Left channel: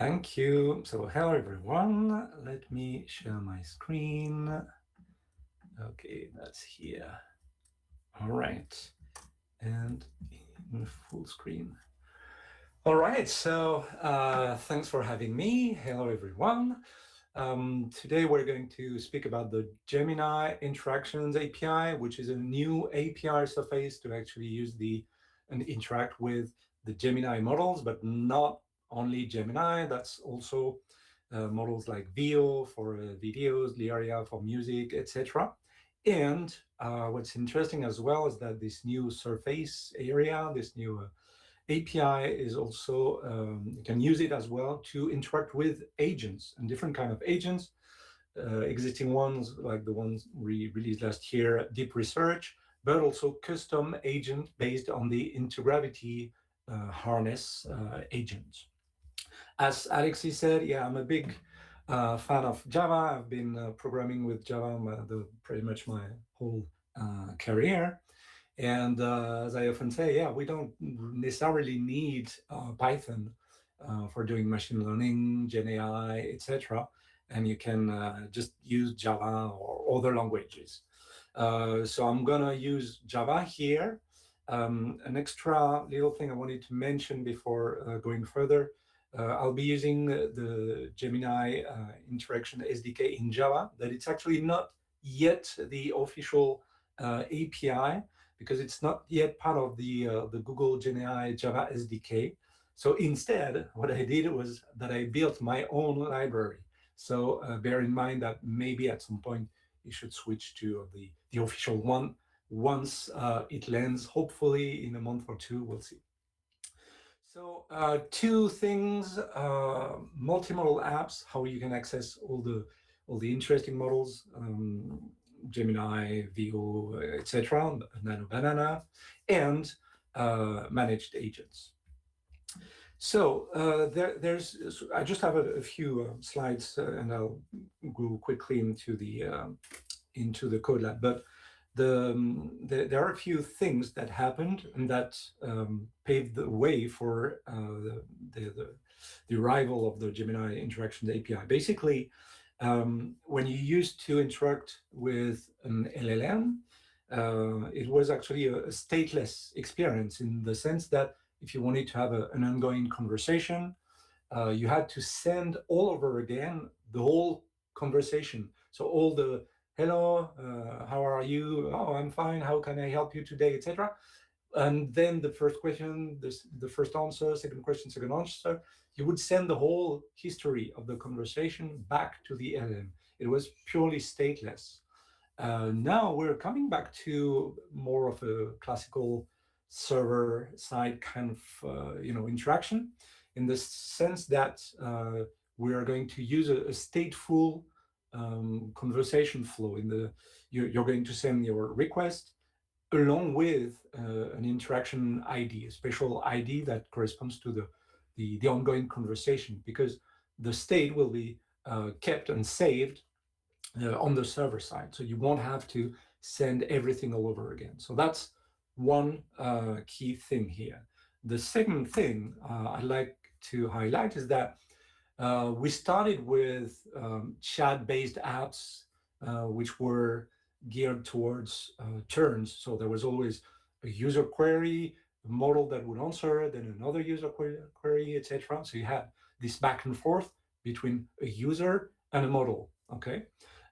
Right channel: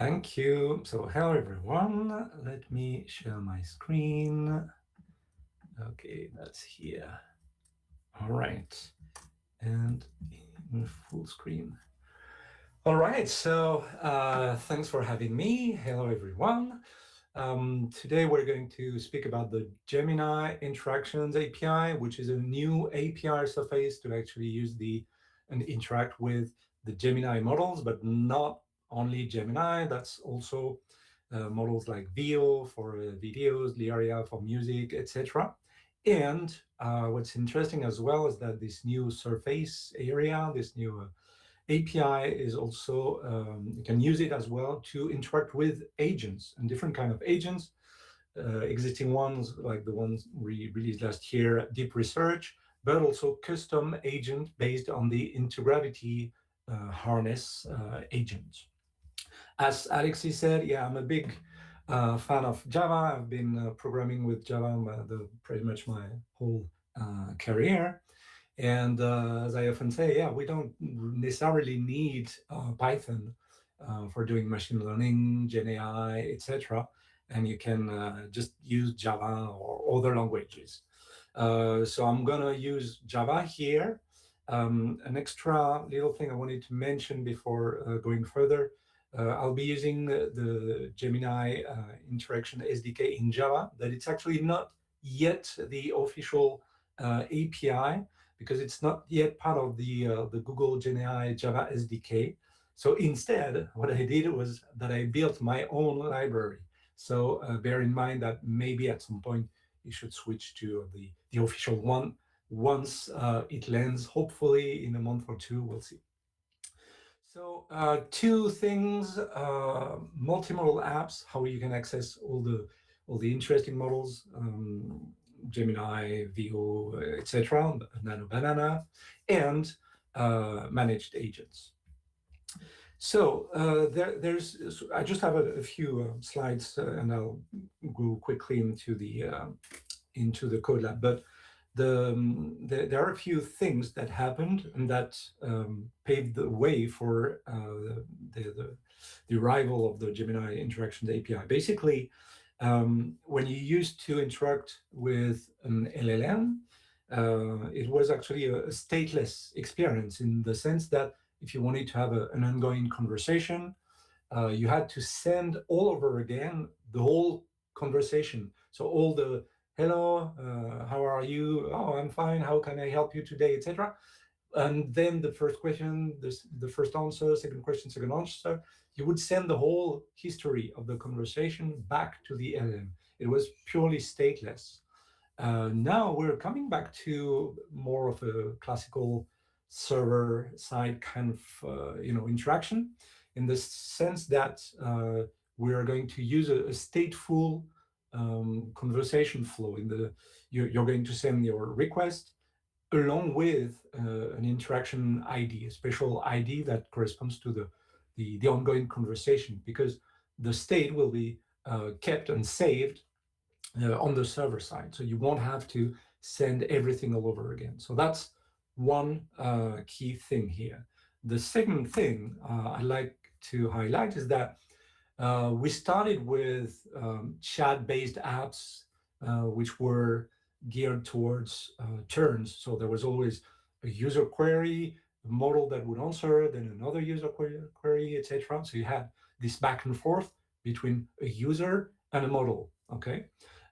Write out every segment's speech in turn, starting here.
Thank you. So hello everyone. Let me share my screen. Okay, that's here. All right. And in full screen. All right. So thanks for having me. Hello everyone. Today we're going to speak about the Gemini Interactions API, which is a new API surface to actually use and interact with the Gemini models, but not only Gemini. That's also models like Veo for videos, Lyria for music, etc. And what's interesting as well is that this new surface area, this new API is also, you can use it as well to interact with agents and different kind of agents, existing ones like the ones we released last year, Deep Research, but also custom agent based on the Intergravity harness agent. As Alexis said, yeah, I'm a big fan of Java. I've been programming with Java pretty much my whole career. And as I often say, yeah, we don't necessarily need Python for doing machine learning, Gen AI, etc. And you can just use Java or other languages. So I'm gonna use Java here. An extra little thing I wanted to mention before going further. I'll be using the Gemini interaction SDK in Java. That it's actually not yet the official API because it's not yet part of the Google Gemini Java SDK. So instead, what I did was that I built my own library. So bear in mind that maybe at some point you should switch to the official one once it lands, hopefully in a month or two, we'll see. So two things, multimodal apps, how you can access all the interesting models, Gemini, Veo, etc., Nano Banana, and managed agents. So there's. I just have a few slides, and I'll go quickly into the code lab. But there are a few things that happened and that paved the way for the arrival of the Gemini Interactions API. Basically, when you used to interact with an LLM, it was actually a stateless experience in the sense that if you wanted to have an ongoing conversation, you had to send all over again the whole conversation. So all the hello, how are you? Oh, I'm fine. How can I help you today, etc. And then the first question, the first answer, second question, second answer, you would send the whole history of the conversation back to the LM. It was purely stateless. Now we're coming back to more of a classical server-side kind of interaction, in the sense that we are going to use a stateful conversation flow. You're going to send your request along with an interaction ID, a special ID that corresponds to the ongoing conversation, because the state will be kept and saved on the server side. So you won't have to send everything all over again. So that's one key thing here. The second thing I'd like to highlight is that we started with chat-based apps, which were geared towards turns. So there was always a user query, a model that would answer, then another user query, etc. So you had this back and forth between a user and a model. Okay,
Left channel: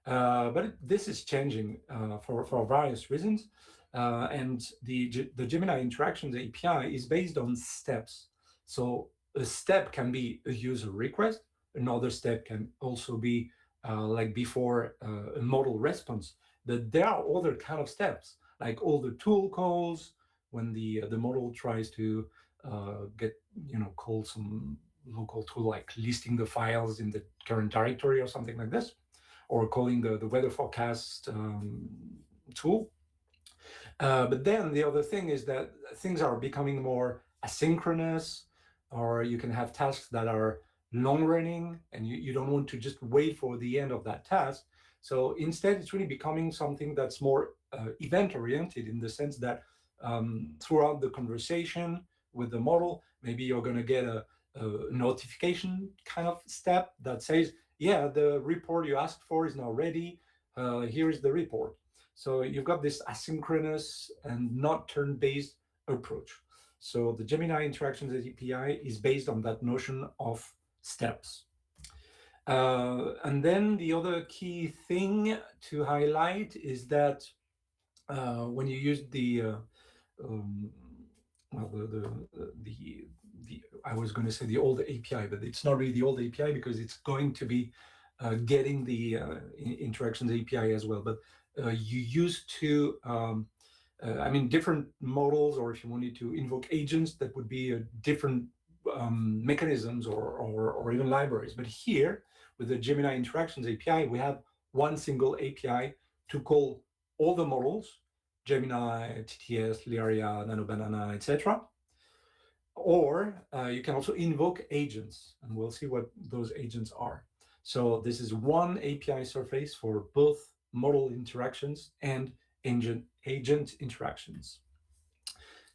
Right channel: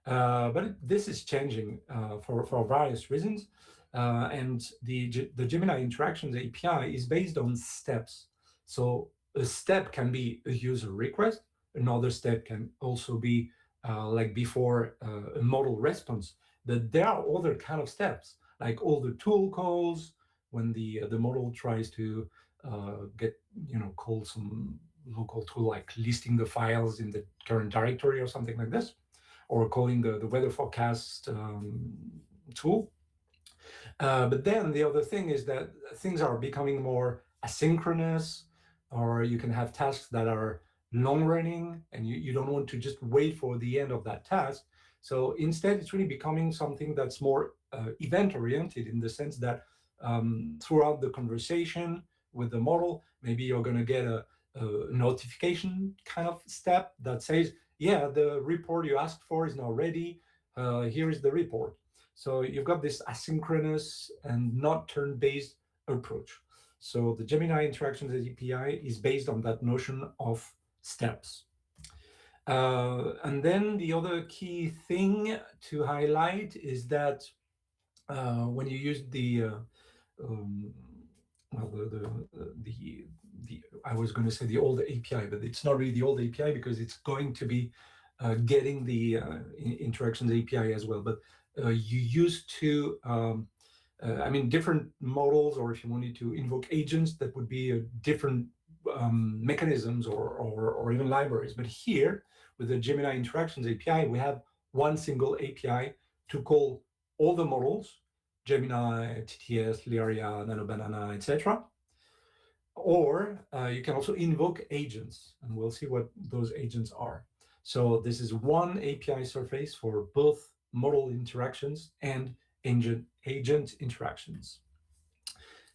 but this is changing for various reasons, and the Gemini Interactions API is based on steps. So a step can be a user request. Another step can also be like before a model response. But there are other kind of steps, like all the tool calls when the model tries to call some local tool, like listing the files in the current directory or something like this, or calling the weather forecast tool. But then the other thing is that things are becoming more asynchronous, or you can have tasks that are long running and you don't want to just wait for the end of that task. So instead, it's really becoming something that's more event oriented, in the sense that throughout the conversation with the model, maybe you're going to get notification kind of step that says, yeah, the report you asked for is now ready. Here is the report. So you've got this asynchronous and not turn-based approach. So the Gemini Interactions API is based on that notion of steps. And then the other key thing to highlight is that when you use um, well, the I was going to say the old API, but it's not really the old API because it's going to be getting the interactions API as well. But you used to, I mean, different models, or if you wanted to invoke agents, that would be different mechanisms or even libraries. But here, with the Gemini Interactions API, we have one single API to call all the models, Gemini, TTS, Lyria, NanoBanana, etc. Or you can also invoke agents, and we'll see what those agents are. So this is one API surface for both model interactions and agent interactions.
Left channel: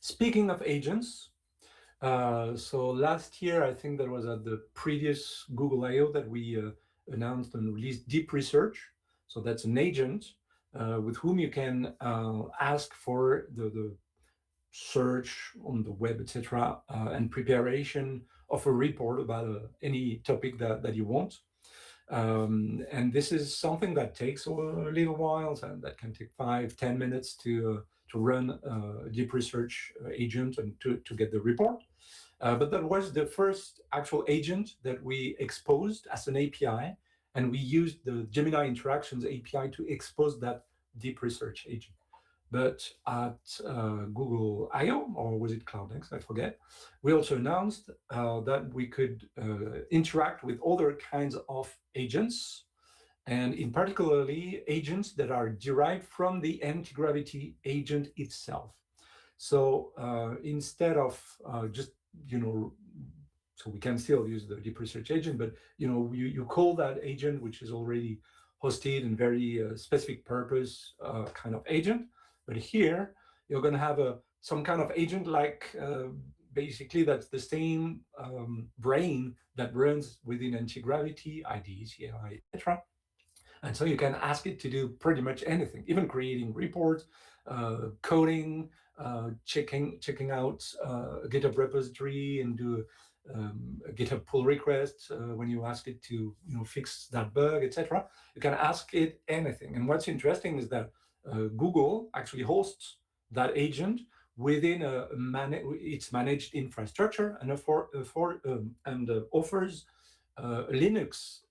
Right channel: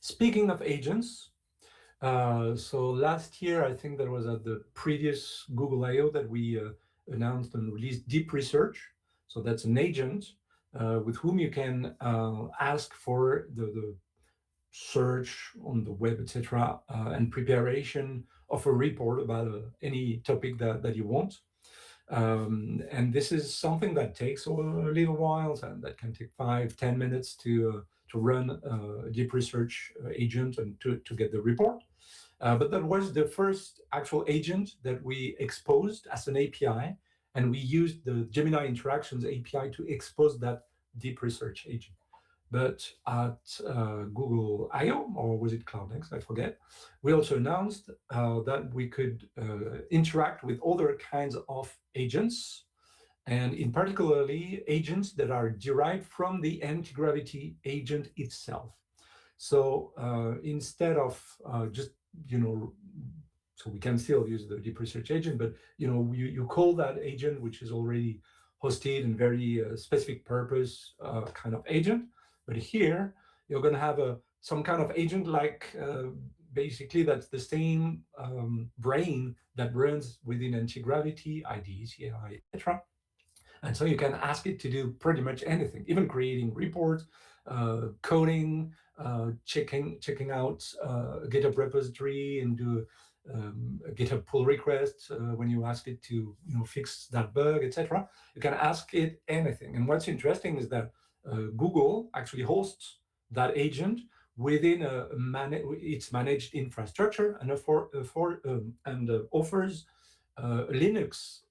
Speaking of agents, so last year, I think that was at the previous Google I/O that we announced and released Deep Research. So that's an agent with whom you can ask for the search on the web, etc., and preparation of a report about any topic that you want. And this is something that takes a little while, and that can take 5-10 minutes to run a deep research agent and to get the report. But that was the first actual agent that we exposed as an API, and we used the Gemini Interactions API to expose that deep research agent. But at Google I/O, or was it CloudX? I forget. We also announced that we could interact with other kinds of agents, and in particularly agents that are derived from the anti-gravity agent itself. So instead of just, so we can still use the deep research agent, but you call that agent, which is already hosted and very specific purpose kind of agent. But here you're going to have some kind of agent like basically that's the same brain that runs within anti-gravity, IDE, CLI, etc. And so you can ask it to do pretty much anything, even creating reports, coding, checking out a GitHub repository and do a GitHub pull request when you ask it to fix that bug, etc. You can ask it anything. And what's interesting is that Google actually hosts that agent within its managed infrastructure and offers Linux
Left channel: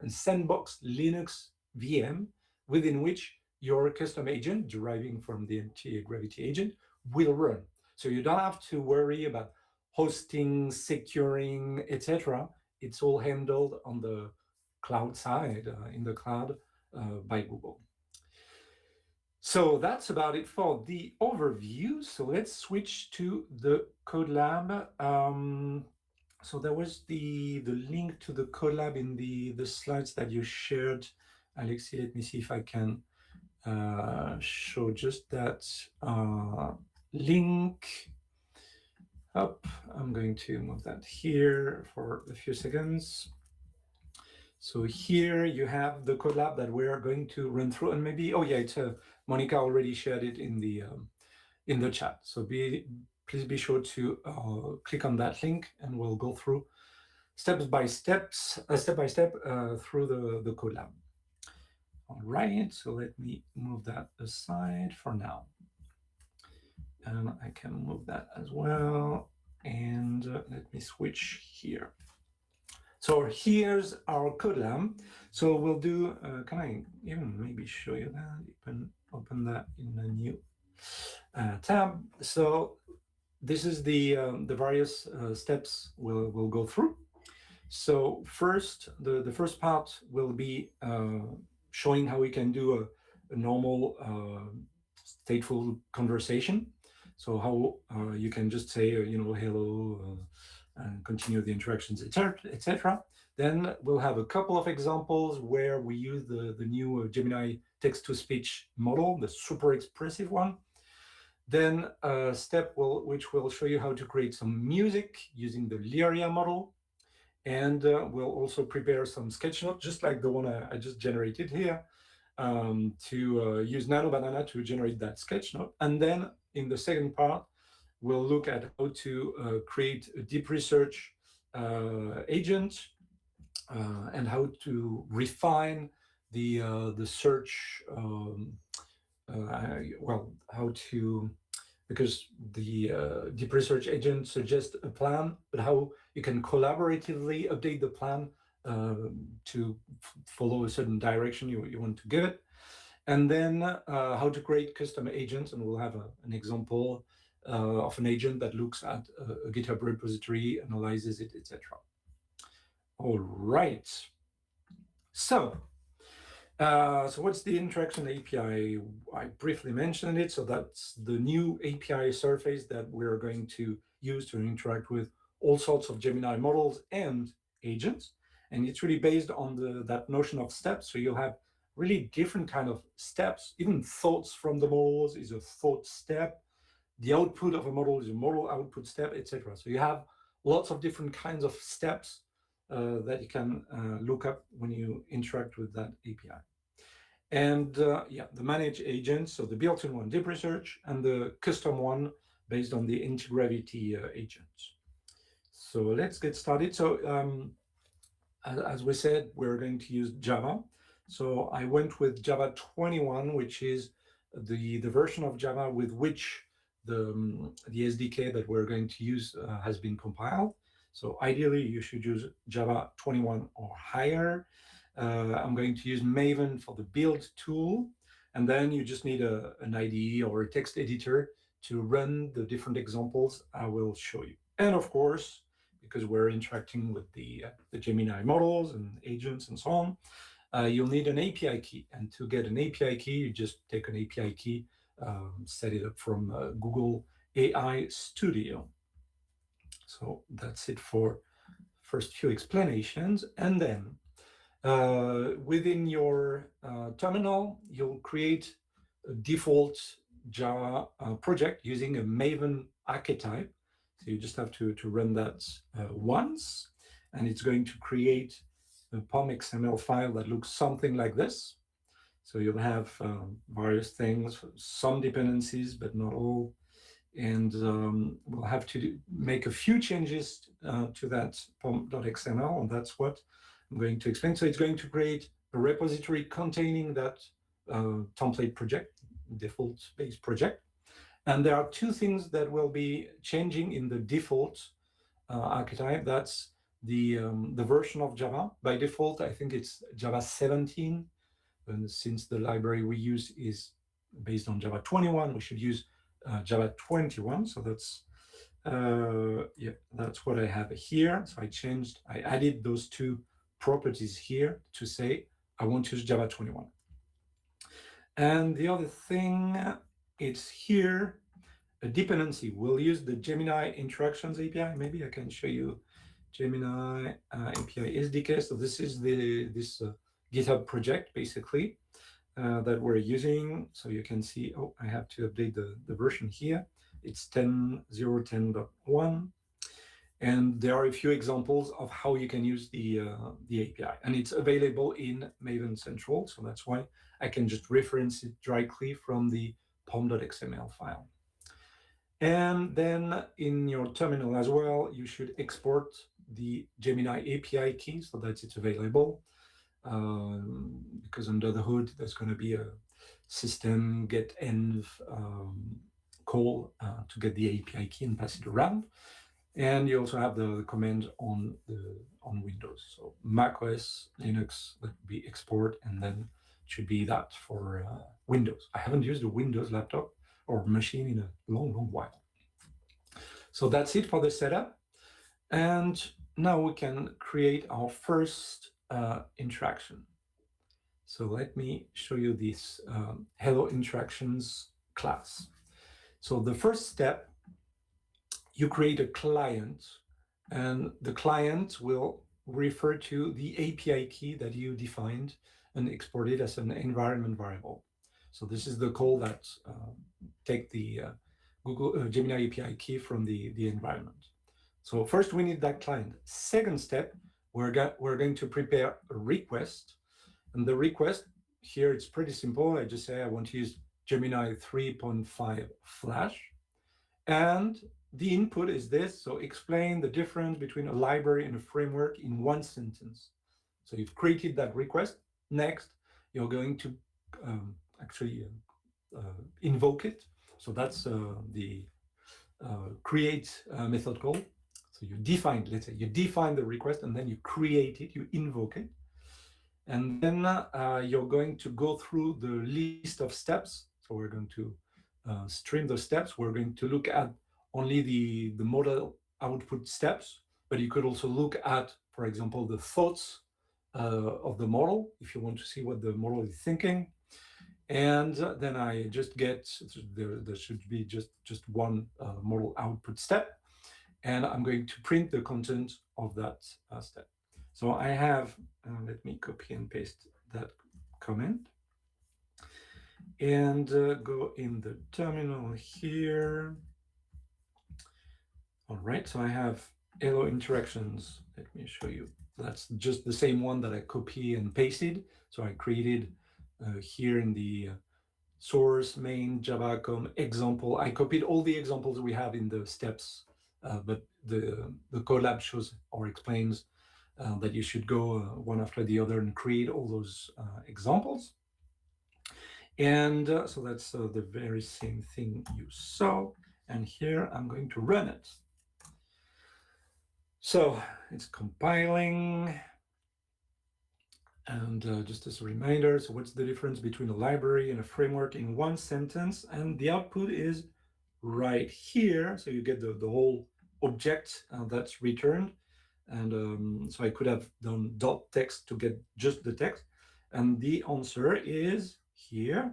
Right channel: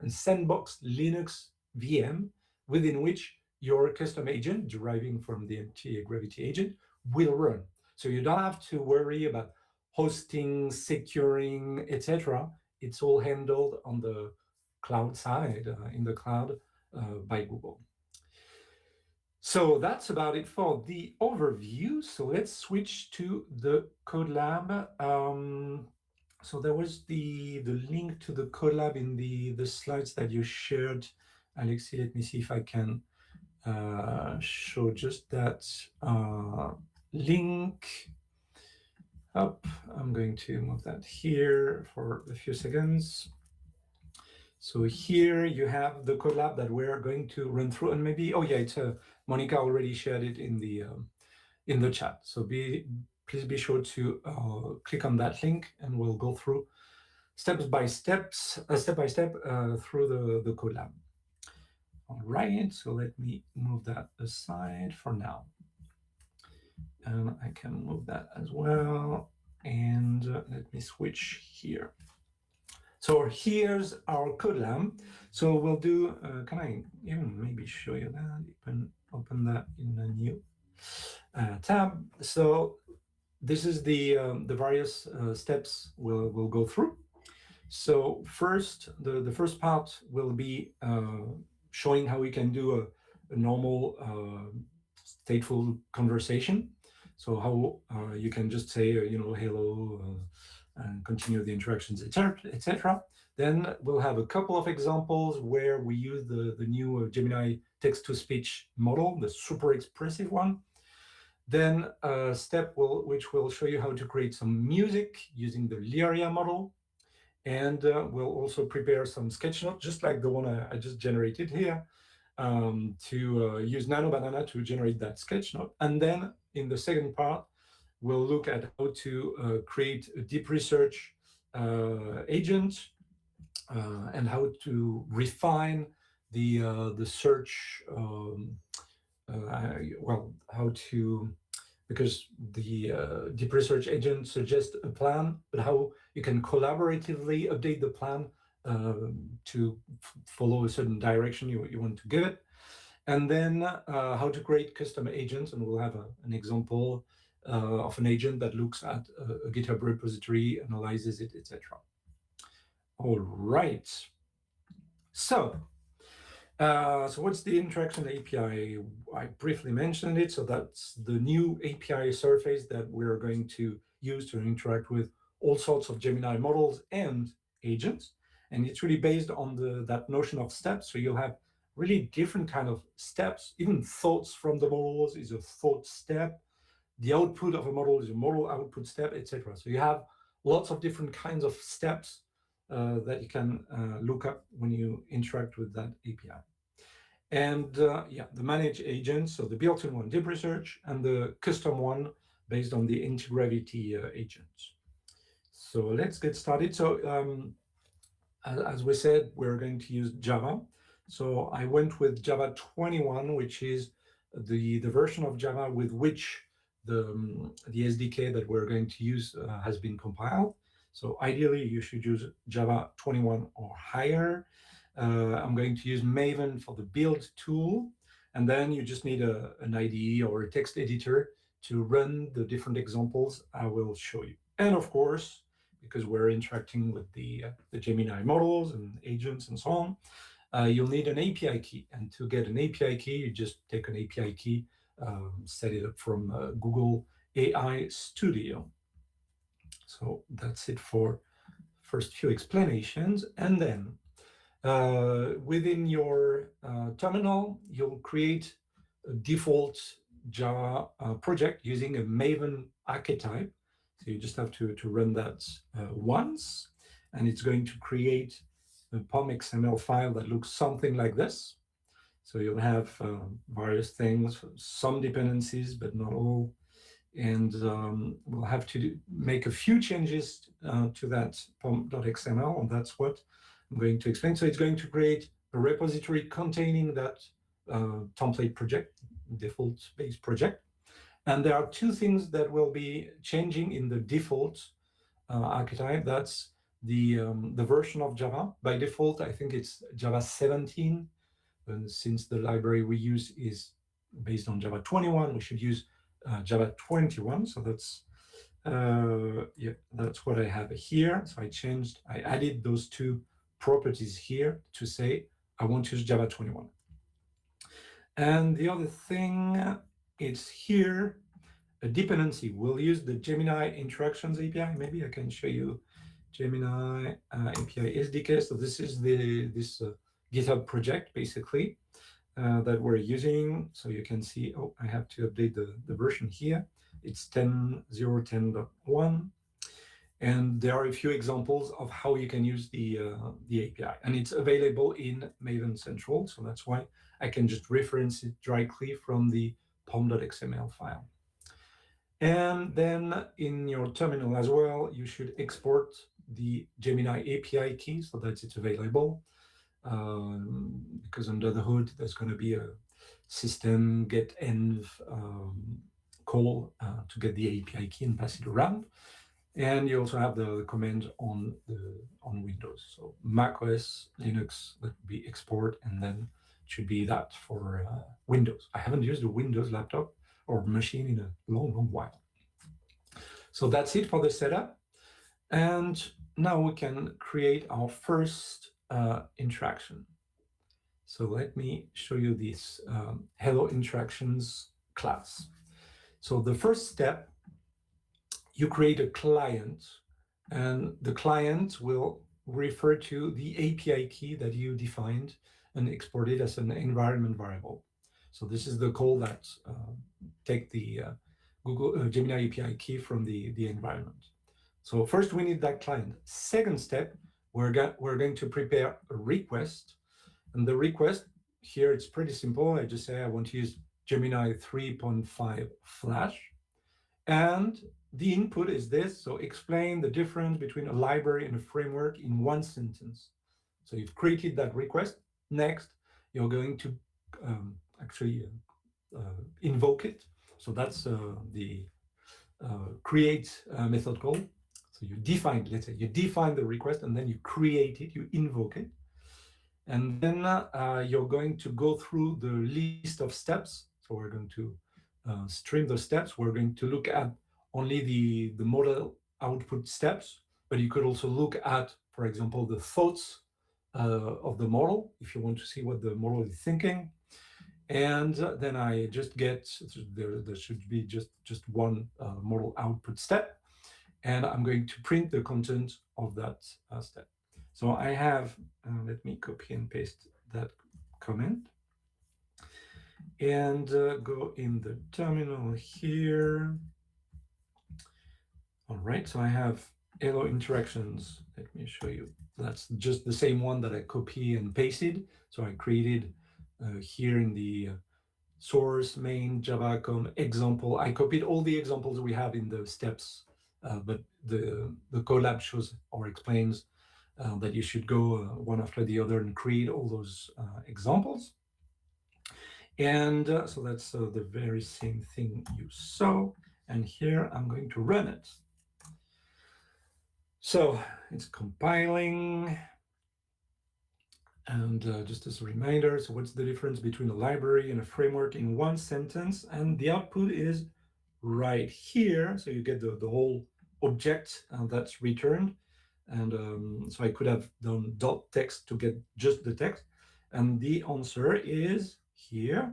and sandbox Linux VM within which your custom agent deriving from the anti-gravity agent will run. So you don't have to worry about hosting, securing, etc. It's all handled on the cloud side, in the cloud by Google. So that's about it for the overview. So let's switch to the Code Lab. So there was the link to the Code Lab in the slides that you shared, Alexi. Let me see if I can show just that link up. I'm going to move that here for a few seconds. So here you have the Code Lab that we're going to run through, and maybe, oh yeah, it's Monica already shared it in the chat. So please be sure to click on that link, and we'll go through step by step through the Code Lab. All right, so let me move that aside for now. And I can move that as well. And let me switch here. So here's our Code Lab. So we'll do, can I even maybe show you that? Open that in a new tab. So this is the various steps we'll go through. So first, the first part will be showing how we can do a normal stateful conversation. So how you can just say, hello, and continue the interactions, etc. Then we'll have a couple of examples where we use the new Gemini text-to-speech model, the super expressive one. Then a step which will show you how to create some music using the Lyria model. And we'll also prepare some sketch notes, just like the one I just generated here, to use Nano Banana to generate that sketch note. And then in the second part, we'll look at how to create a deep research agent and how to refine the search. Well, how to, because the deep research agent suggests a plan, but how you can collaboratively update the plan to follow a certain direction you want to give it. And then how to create custom agents, and we'll have an example of an agent that looks at a GitHub repository, analyzes it, etc. All right. So what's the interaction API? I briefly mentioned it. So that's the new API surface that we're going to use to interact with all sorts of Gemini models and agents. And it's really based on that notion of steps. So you'll have really different kind of steps. Even thoughts from the models is a thought step. The output of a model is a model output step, etc. So you have lots of different kinds of steps that you can look up when you interact with that API. And yeah, the managed agents, so the built-in one, deep research, and the custom one based on the Integravity agents. So let's get started. So as we said, we're going to use Java. So I went with Java 21, which is the version of Java with which the SDK that we're going to use has been compiled. So ideally, you should use Java 21 or higher. I'm going to use Maven for the build tool. And then you just need an IDE or a text editor to run the different examples I will show you. And of course, because we're interacting with the Gemini models and agents and so on, you'll need an API key. And to get an API key, you just take an API key, set it up from Google AI Studio. So that's it for first few explanations. And then within your terminal, you'll create a default Java project using a Maven archetype. So you just have to run that once, and it's going to create a POM XML file that looks something like this. So you'll have various things, some dependencies, but not all. And we'll have to make a few changes to that pom.xml, and that's what I'm going to explain. So it's going to create a repository containing that template project, default-based project. And there are two things that will be changing in the default archetype. That's the version of Java. By default, I think it's Java 17. And since the library we use is based on Java 21, we should use Java 21. So that's yeah, that's what I have here. So I added those two properties here to say I want to use Java 21. And the other thing, it's here a dependency. We'll use the Gemini Interactions API. Maybe I can show you Gemini API SDK. So this is this GitHub project basically that we're using. So you can see, oh, I have to update the version here. It's 10.0.10.1. And there are a few examples of how you can use the API. And it's available in Maven Central. So that's why I can just reference it directly from the pom.xml file. And then in your terminal as well, you should export the Gemini API key so that it's available. Because under the hood, there's going to be a system get env call to get the API key and pass it around. And you also have the command on Windows. So Mac OS, Linux, that would be export, and then it should be that for Windows. I haven't used a Windows laptop or machine in a long, long while. So that's it for the setup. And now we can create our first interaction. So let me show you this Hello Interactions class. So the first step, you create a client, and the client will refer to the API key that you defined and exported as an environment variable. So this is the call that take the Google Gemini API key from the environment. So first we need that client. Second step, we're going to prepare a request. And the request here, it's pretty simple. I just say I want to use Gemini 3.5 Flash. And the input is this. So explain the difference between a library and a framework in one sentence. So you've created that request. Next, you're going to actually invoke it. So that's the create method call. So you define, let's say you define the request and then you create it, you invoke it. And then you're going to go through the list of steps. So we're going to stream those steps. We're going to look at only the model output steps, but you could also look at, for example, the thoughts of the model if you want to see what the model is thinking. And then I just get, there should be just one model output step, and I'm going to print the content of that step. So I have, let me copy and paste that comment and go in the terminal here. All right, so I have hello interactions. Let me show you. That's just the same one that I copy and pasted. So I created here in the source main Java.com example. I copied all the examples we have in the steps, but the Colab shows or explains that you should go one after the other and create all those examples. And so that's the very same thing you saw. And here I'm going to run it. So it's compiling. And just as a reminder, so what's the difference between a library and a framework in one sentence? And the output is right here. So you get the whole object that's returned. And so I could have done dot text to get just the text. And the answer is here.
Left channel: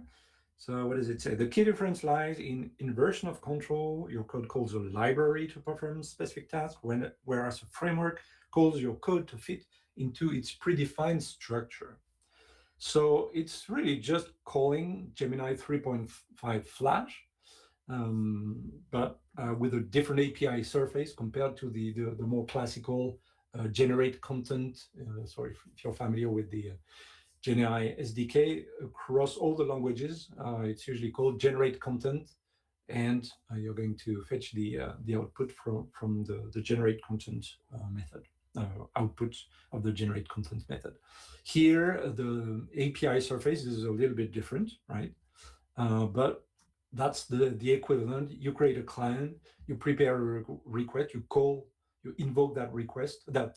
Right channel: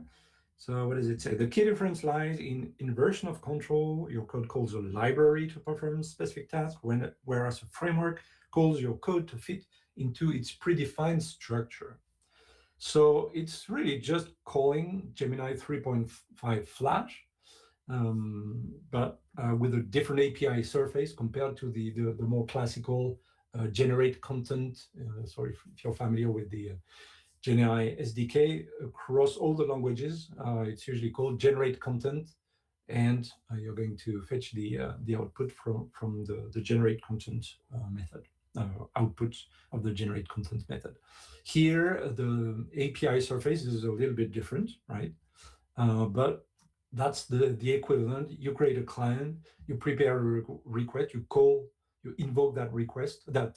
So what does it say? The key difference lies in inversion of control. Your code calls a library to perform specific tasks, whereas a framework calls your code to fit into its predefined structure. So it's really just calling Gemini 3.5 Flash, but with a different API surface compared to the more classical generate content. Sorry if you're familiar with the Gemini SDK across all the languages. It's usually called generate content, and you're going to fetch the output from the generate content method. Output of the generate content method. Here, the API surface is a little bit different, right? But that's the equivalent. You create a client, you prepare a request, you invoke that request, that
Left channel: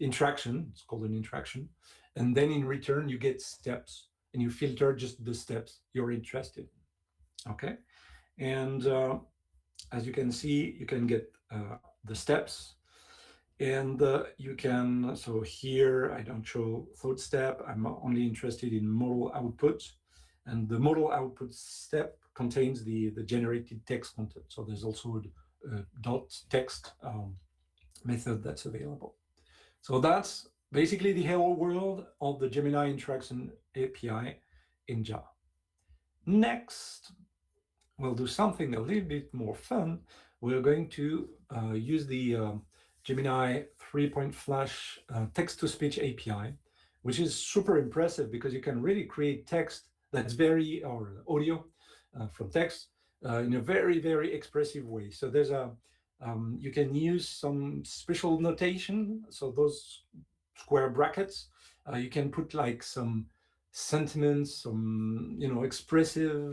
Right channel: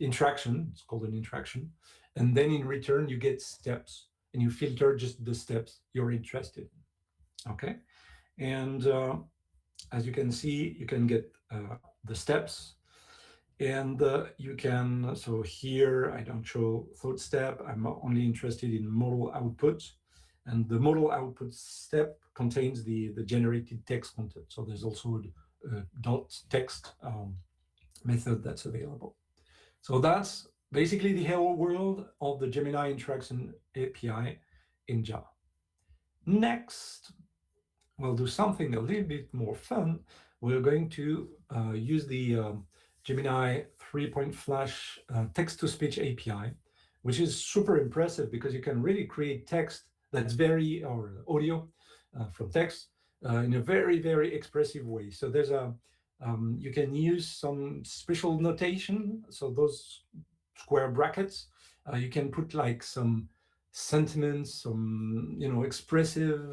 interaction, it's called an interaction. And then in return, you get steps and you filter just the steps you're interested in, okay? And as you can see, you can get the steps. And you can, so here I don't show thought step, I'm only interested in model output. And the model output step contains the generated text content. So there's also a dot text method that's available. So that's basically the hello world of the Gemini Interaction API in Java. Next, we'll do something a little bit more fun. We're going to use the Gemini 3. Flash text-to-speech API, which is super impressive because you can really create text that's very, or audio from text in a very, very expressive way. So there's you can use some special notation. So those square brackets, you can put like some sentiments, some, expressive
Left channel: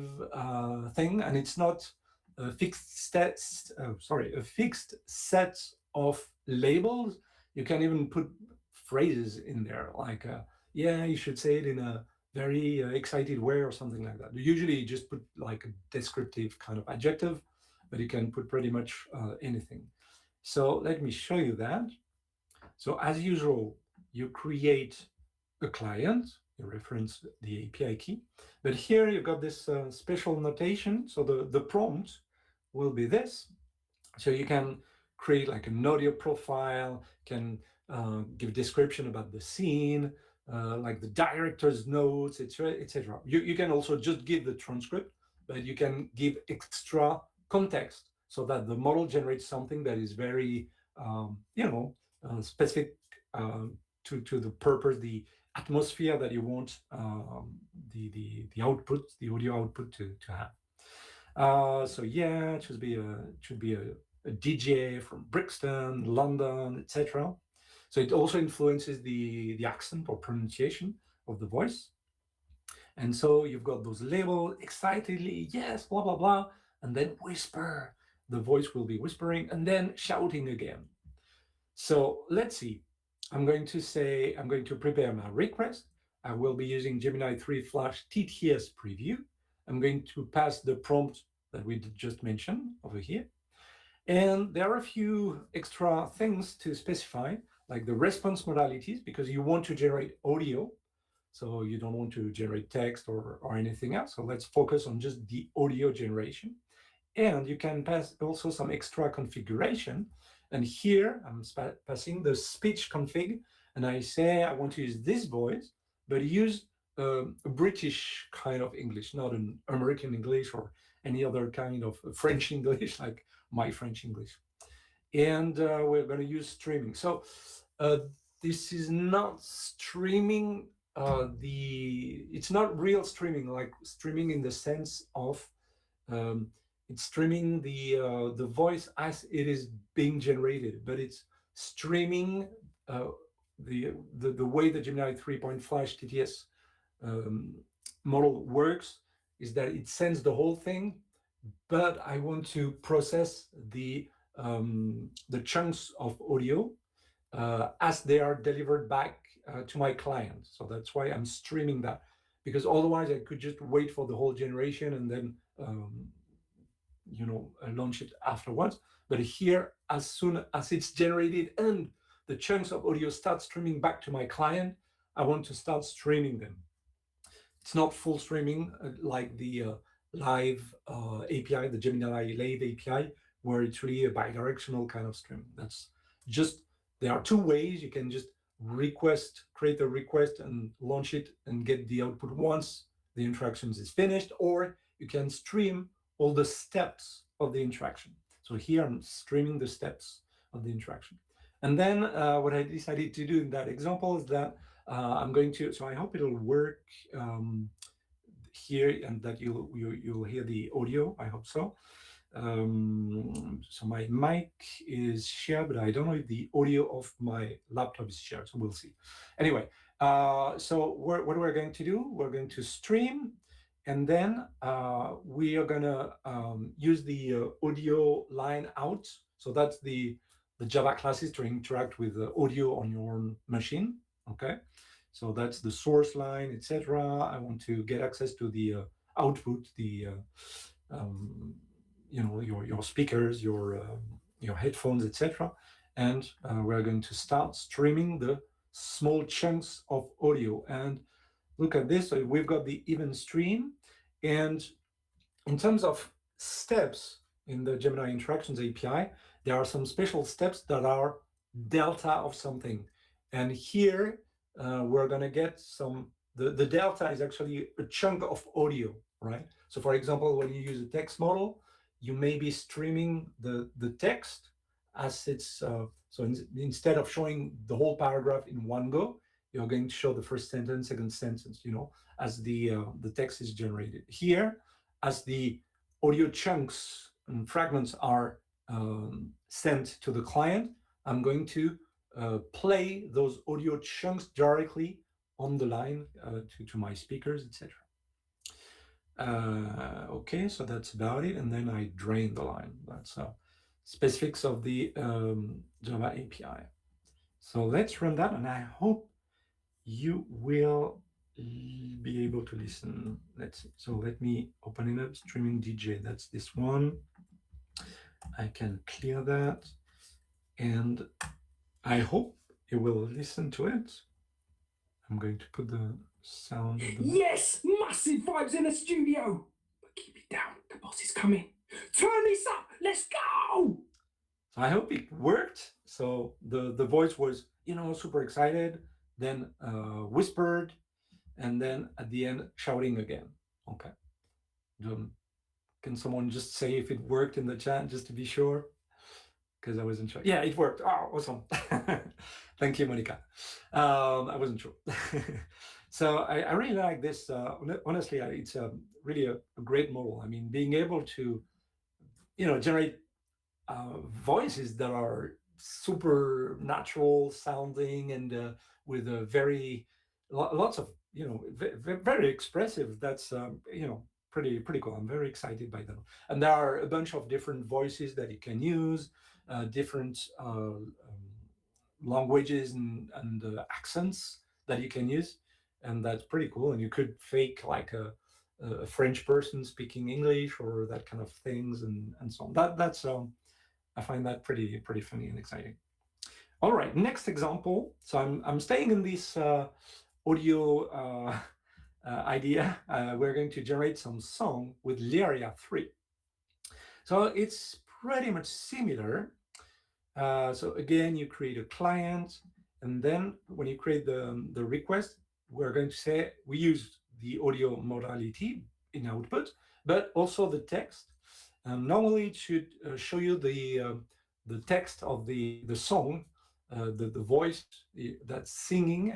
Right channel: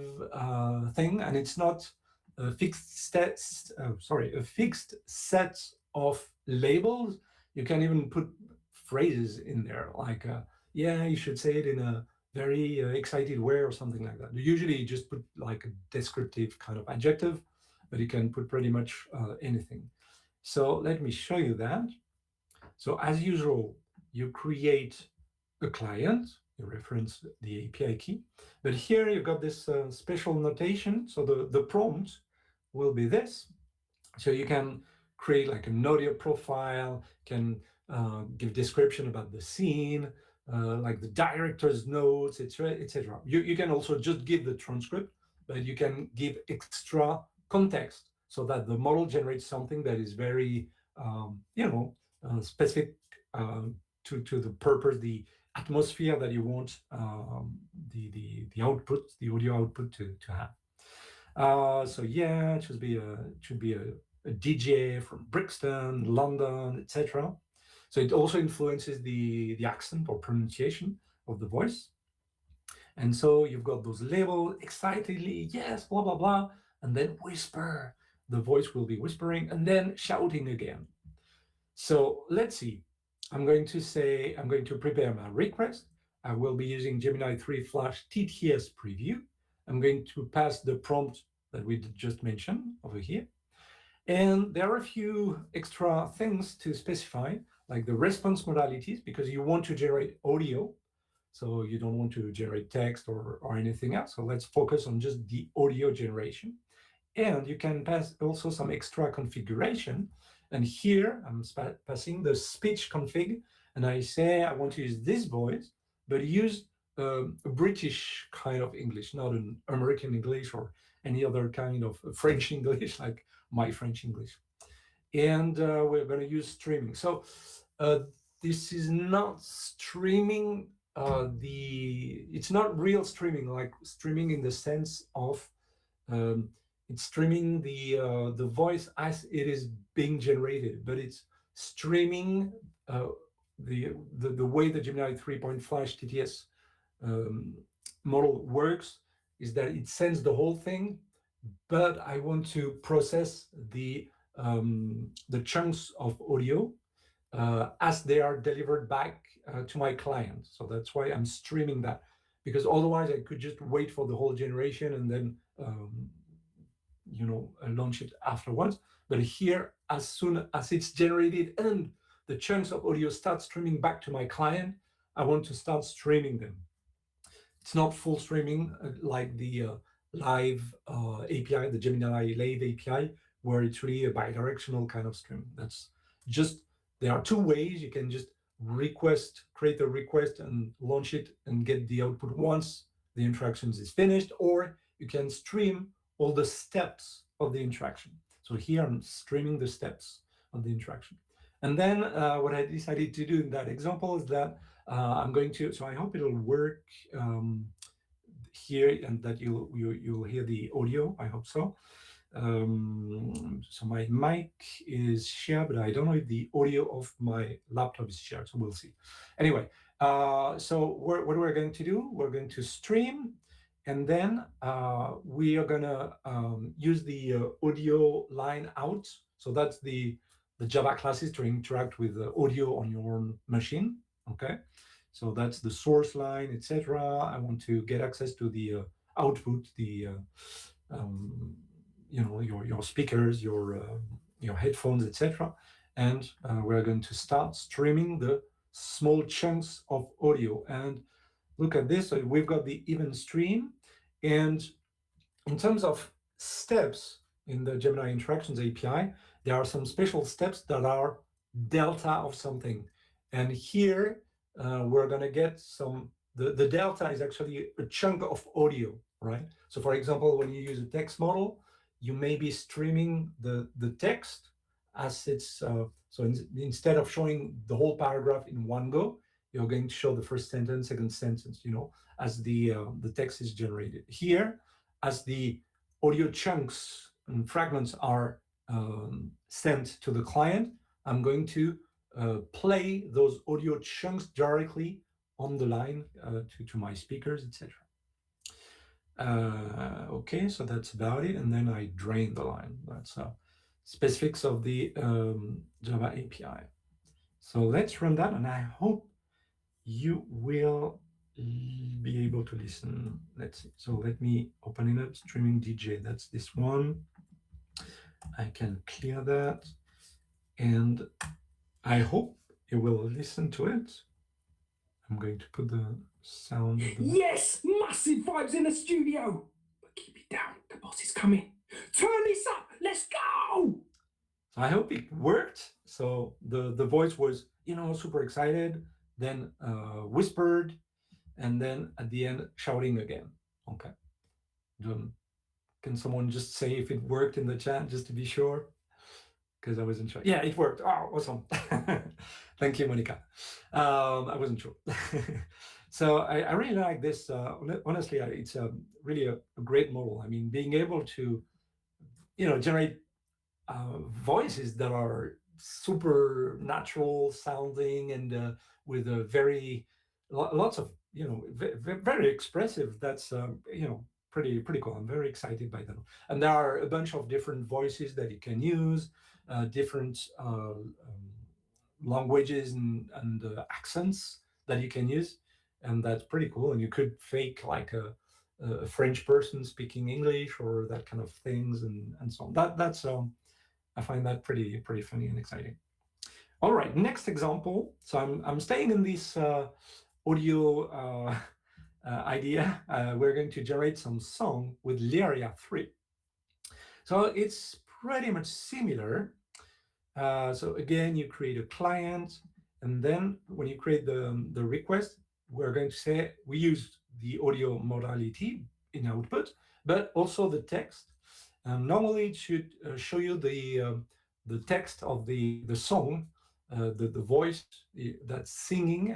thing, and it's not a fixed set of labels. You can even put phrases in there like, yeah, you should say it in a very excited way or something like that. Usually you just put like a descriptive kind of adjective, but you can put pretty much anything. So let me show you that. So as usual, you create a client, you reference the API key, but here you've got this special notation. So the prompt will be this. So you can create like an audio profile, can give description about the scene, like the director's notes, etc., etc. You can also just give the transcript, but you can give extra context, so that the model generates something that is very, specific to the purpose, the atmosphere that you want the output, the audio output to have. So yeah, it should be a DJ from Brixton, London, etc. So it also influences the accent or pronunciation of the voice. And so you've got those labels excitedly, yes, blah blah blah, and then whisper. The voice will be whispering and then shouting again. So let's see. I'm going to prepare my request. I will be using Gemini 3 Flash TTS preview. I'm going to pass the prompt that we just mentioned over here. And there are a few extra things to specify, like the response modalities, because you want to generate audio. So you don't want to generate text or anything else. So let's focus on just the audio generation. And you can pass also some extra configuration. And here I'm passing the speech config, and I say I want to use this voice, but use a British kind of English, not an American English or any other kind of French English, like my French English. And we're going to use streaming. So uh, this is not streaming. It's not real streaming, like streaming in the sense of um, it's streaming the voice as it is being generated, but it's streaming uh, the way the Gemini 3 Flash TTS um, model works is that it sends the whole thing, but I want to process the chunks of audio as they are delivered back to my client. So that's why I'm streaming that, because otherwise I could just wait for the whole generation and then launch it afterwards. But here, as soon as it's generated and the chunks of audio start streaming back to my client, I want to start streaming them. It's not full streaming like the live API, the Gemini Live API, where it's really a bidirectional kind of stream. That's just, there are two ways. You can just create a request and launch it and get the output once the interactions is finished, or you can stream all the steps of the interaction. So here I'm streaming the steps of the interaction. And then what I decided to do in that example is that so I hope it'll work here and that you'll hear the audio. I hope so. So my mic is shared, but I don't know if the audio of my laptop is shared, so we'll see. Anyway, so what we're going to do, we're going to stream, and then we are gonna use the audio line out. So that's the Java classes to interact with the audio on your own machine, okay? So that's the source line, etc. I want to get access to the output, the your speakers, your headphones, etc. And we're going to start streaming the small chunks of audio. And look at this. So we've got the event stream, and in terms of steps in the Gemini Interactions API, there are some special steps that are delta of something. And here we're going to get the delta is actually a chunk of audio, right? So for example, when you use a text model, you may be streaming the text as it's, instead of showing the whole paragraph in one go, you're going to show the first sentence, second sentence, as the text is generated. Here, as the audio chunks and fragments are sent to the client, I'm going to play those audio chunks directly on the line to my speakers, etc. Okay, so that's about it. And then I drain the line. That's specifics of the Java API. So let's run that, and I hope you will be able to listen. Let's see. So let me open it up. Streaming DJ, that's this one. I can clear that, and I hope you will listen to it. I'm going to put the sound of the... Yes, massive vibes in the studio. But keep it down, the boss is coming. Turn this up, let's go. So I hope it worked. So the voice was, super excited, then whispered, and then at the end shouting again. Okay. Can someone just say if it worked in the chat just to be sure? Because I wasn't sure. Yeah, it worked. Oh, awesome. Thank you, Monica. I wasn't sure. So I really like this. Honestly, it's really a great model. I mean, being able to, generate voices that are super natural sounding and with a very lots of very expressive. That's pretty cool. I'm very excited by them. And there are a bunch of different voices that you can use, different languages and accents that you can use, and that's pretty cool. And you could fake like a French person speaking English or that kind of things and so on. That's I find that pretty funny and exciting. All right, next example. So I'm staying in this audio idea. We're going to generate some song with Lyria 3. So it's pretty much similar. So again, you create a client, and then when you create the request, we're going to say we use the audio modality in output, but also the text. Normally, it should show you the text of the song, the voice that's singing.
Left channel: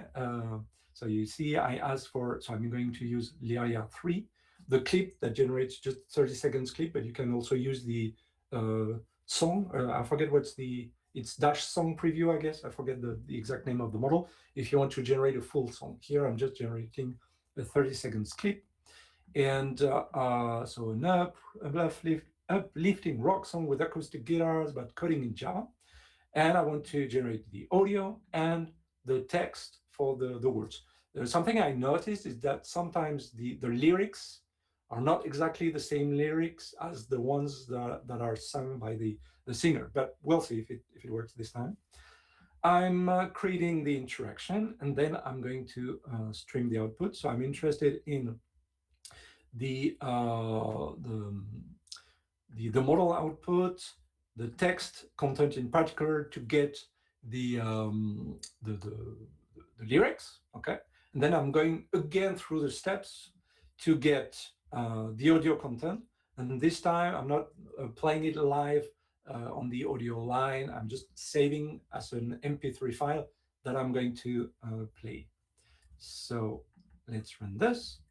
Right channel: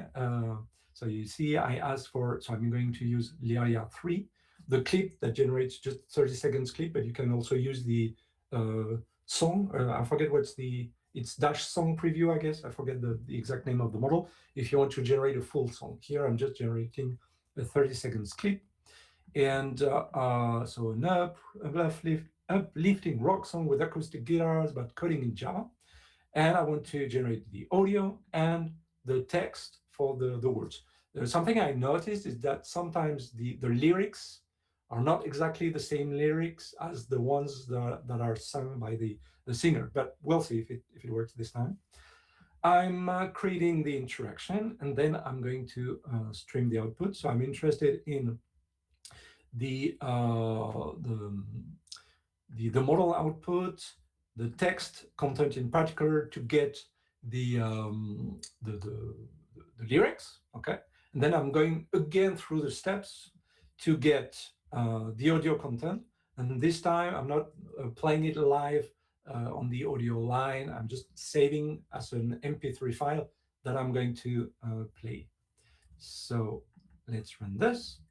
So you see, I asked for, so I'm going to use Lyria 3, the clip that generates just 30 seconds clip, but you can also use the song. I forget it's dash song preview, I guess. I forget the exact name of the model. If you want to generate a full song, here I'm just generating a 30 seconds clip. And so an uplifting rock song with acoustic guitars about coding in Java. And I want to generate the audio and the text for the words. There's something I noticed is that sometimes the lyrics are not exactly the same lyrics as the ones that are sung by the singer, but we'll see if it works this time. I'm creating the interaction, and then I'm going to stream the output. So I'm interested in the model output, the text content in particular, to get the lyrics, okay? And then I'm going again through the steps to get the audio content. And this time I'm not playing it live on the audio line. I'm just saving as an MP3 file that I'm going to play. So let's run this.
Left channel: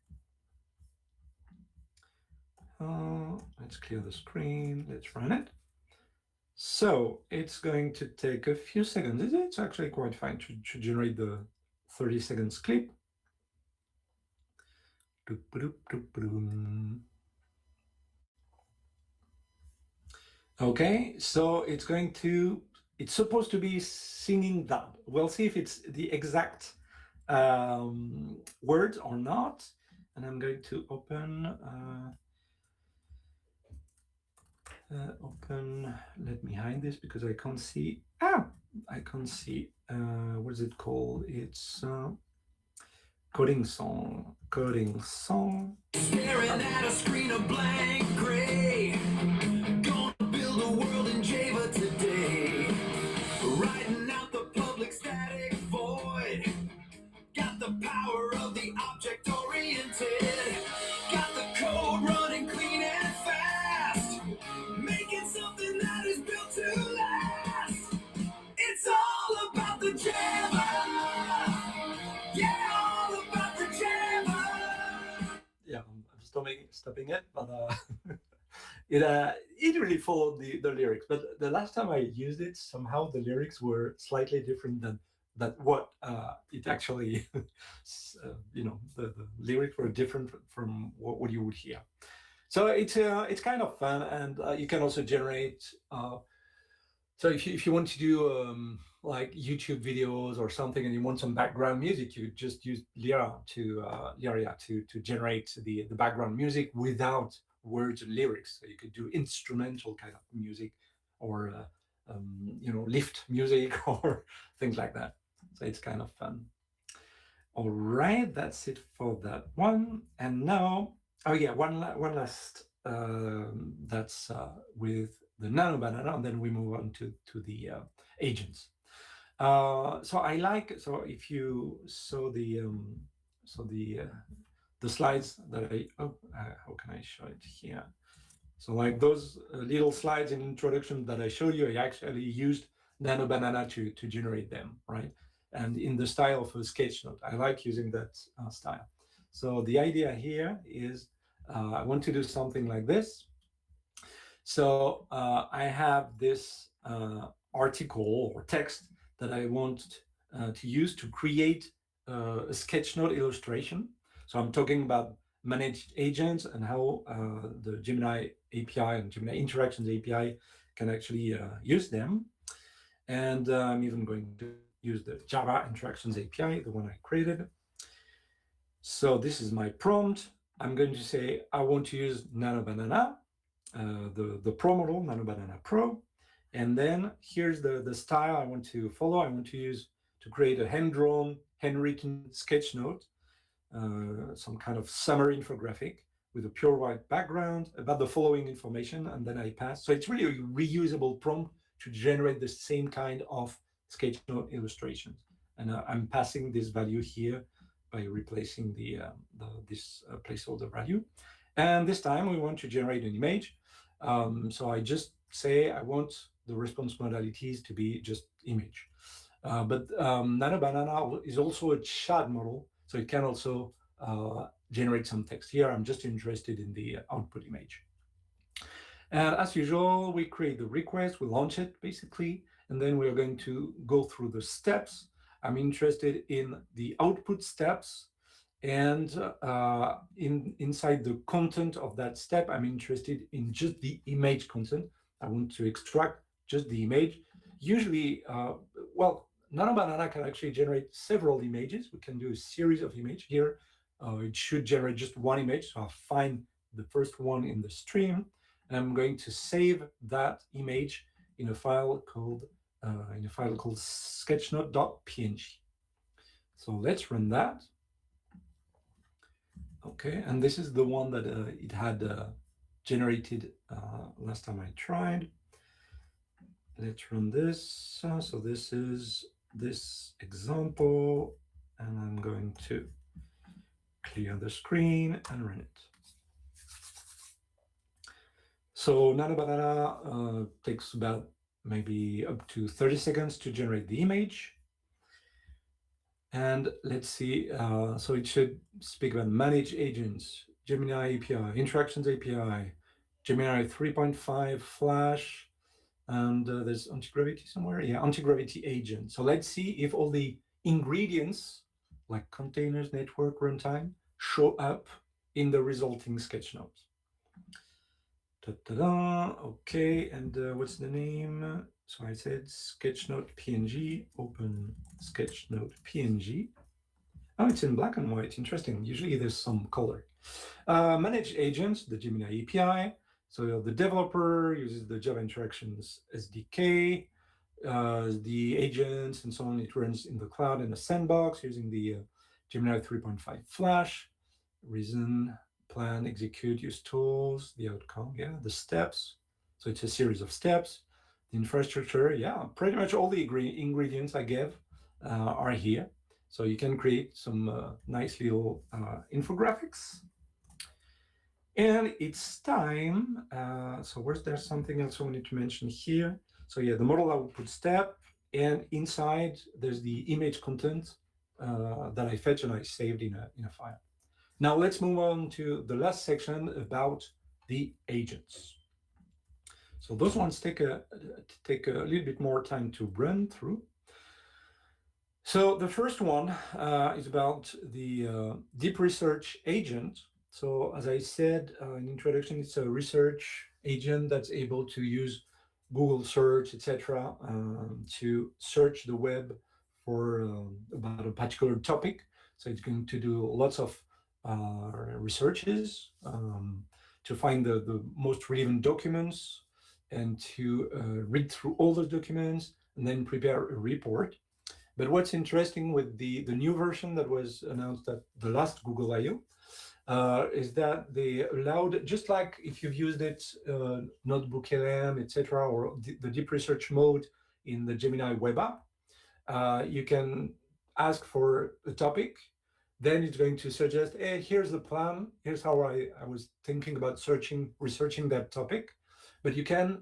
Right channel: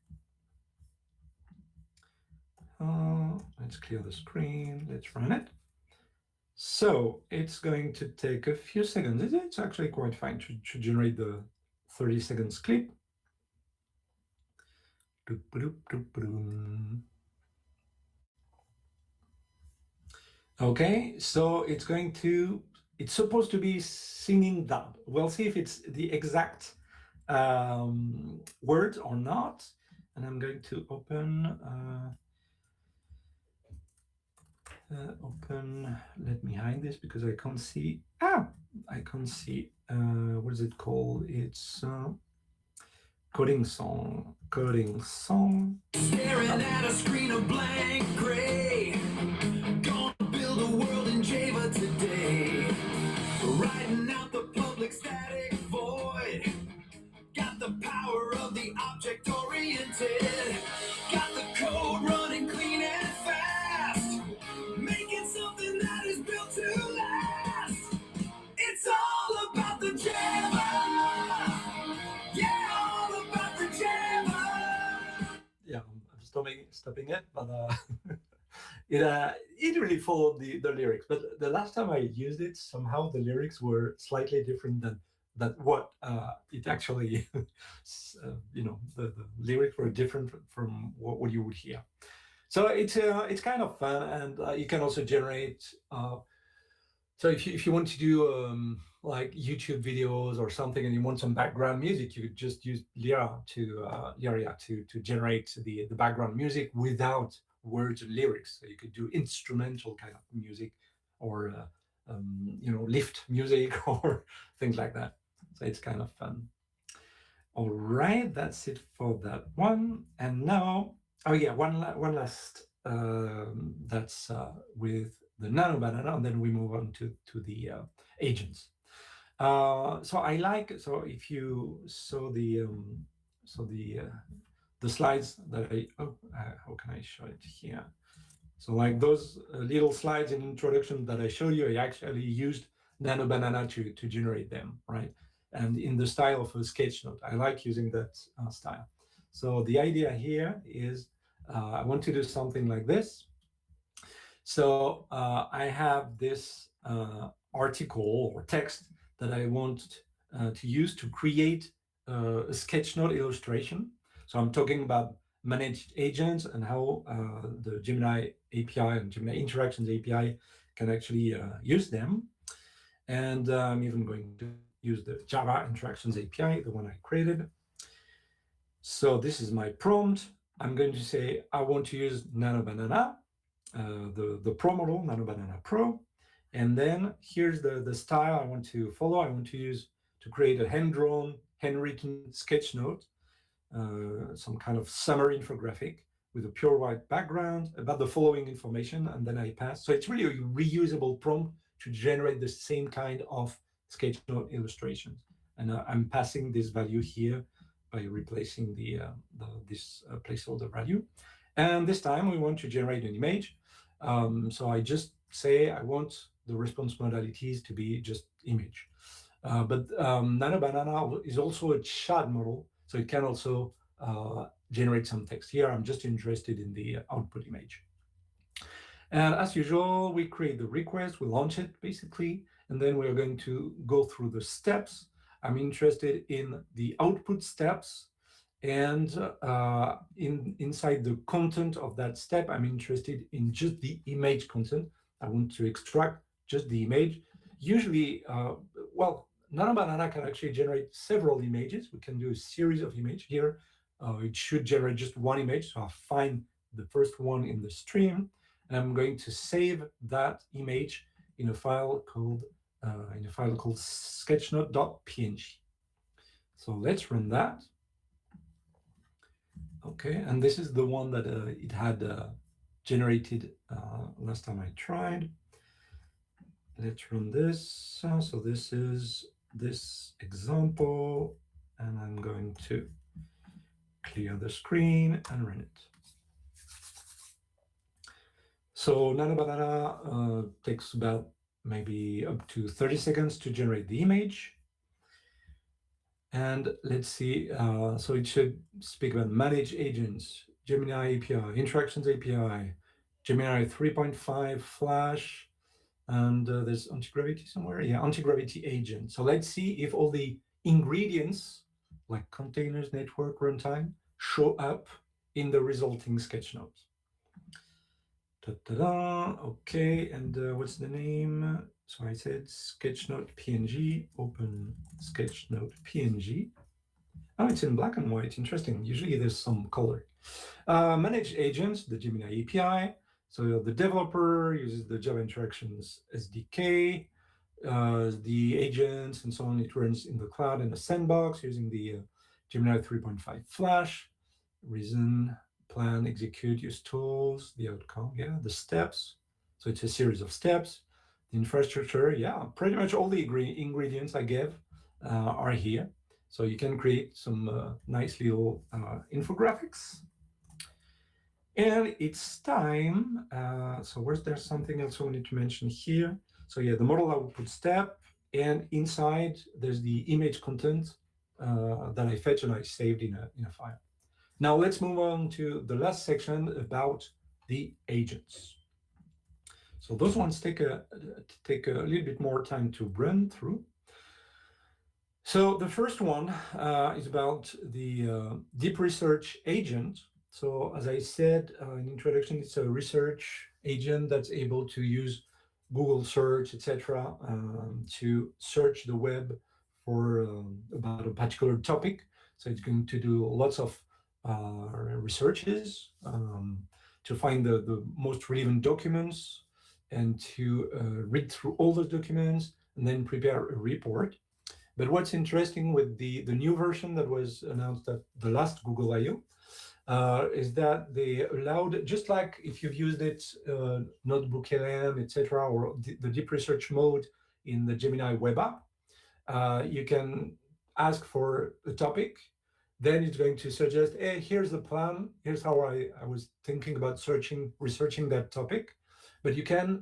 Let's clear the screen. Let's run it. So it's going to take a few seconds. It's actually quite fine to generate the 30 seconds clip. Okay, so it's supposed to be singing that. We'll see if it's the exact words or not. And I'm going to open, let me hide this because I can't see. I can't see, what is it called? It's coding song. Staring at a screen of blank gray. Gonna build a world in Java today. Writing out the public static void. Got the power of the object oriented. Got the code running clean and fast. Making something that is built to last. It's all about the Java. Yeah, all about the Java. Yeah, I'm stopping it, but it really followed the lyrics. But the last time I used it, somehow the lyrics were slightly different than what it actually, the lyrics were different from what you would hear. So it's kind of fun, and you can also generate. So if you want to do like YouTube videos or something, and you want some background music, you could just use Lyria to generate the background music without words and lyrics. So you could do instrumental kind of music, or lift music or things like that. So it's kind of fun. All right, that's it for that one. And now, one last. That's with the nano banana, and then we move on to the agents. So if you saw the slides that how can I show it here? So like those little slides in introduction that I showed you, I actually used Nano Banana to generate them, right? And in the style of a sketch note. I like using that style. So the idea here is I want to do something like this. So I have this article or text that I want to use to create a sketchnote illustration. So I'm talking about managed agents and how the Gemini API and Gemini Interactions API can actually use them. And I'm even going to use the Java Interactions API, the one I created. So this is my prompt. I'm going to say I want to use Nano Banana, the Pro model, Nano Banana Pro. And then here's the style I want to follow. I want to use to create a hand-drawn, handwritten sketch note, some kind of summary infographic with a pure white background about the following information, and then I pass. So it's really a reusable prompt to generate the same kind of sketch note illustrations. And I'm passing this value here by replacing this placeholder value. And this time we want to generate an image. So I just say I want the response modalities to be just image. But Nano Banana is also a chat model, so it can also generate some text. Here, I'm just interested in the output image. And as usual, we create the request, we launch it basically, and then we are going to go through the steps. I'm interested in the output steps, and inside the content of that step, I'm interested in just the image content. I want to extract just the image. Usually, well, Nano Banana can actually generate several images. We can do a series of images here. It should generate just one image. So I'll find the first one in the stream, and I'm going to save that image in a file called sketchnote.png. So let's run that. Okay, and this is the one that it had generated last time I tried. Let's run this. So this is this example, and I'm going to clear the screen and run it. So Nano Banana takes about maybe up to 30 seconds to generate the image. And let's see, so it should speak about manage agents, Gemini API, Interactions API, Gemini 3.5 Flash, and there's anti-gravity somewhere. Yeah, anti-gravity agent. So let's see if all the ingredients like containers, network, runtime show up in the resulting sketch note. Ta-da-da. Okay, and what's the name? So I said sketchnote PNG, open sketchnote PNG. Oh, it's in black and white. Interesting. Usually there's some color. Manage agents, the Gemini API. So the developer uses the Java Interactions SDK, the agents and so on. It runs in the cloud in a sandbox using the Gemini 3.5 Flash. Reason, plan, execute, use tools, the outcome, yeah, the steps. So it's a series of steps. The infrastructure, yeah, pretty much all the ingredients I gave are here. So you can create some nice little infographics. And it's time. So where's there something else I wanted to mention here? So yeah, the model output step, and inside there's the image content that I fetch and I saved in a file. Now let's move on to the last section about the agents. So those ones take a little bit more time to run through. So the first one is about the deep research agent. So as I said in introduction, it's a research agent that's able to use Google search, etc., to search the web for about a particular topic. So it's going to do lots of researches to find the most relevant documents and to read through all those documents and then prepare a report. But what's interesting with the new version that was announced at the last Google I/O is that they allowed, just like if you've used it, Notebook LM, etc., or the deep research mode in the Gemini web app, you can ask for a topic, then it's going to suggest, hey, here's the plan. Here's how I was thinking about researching that topic. But you can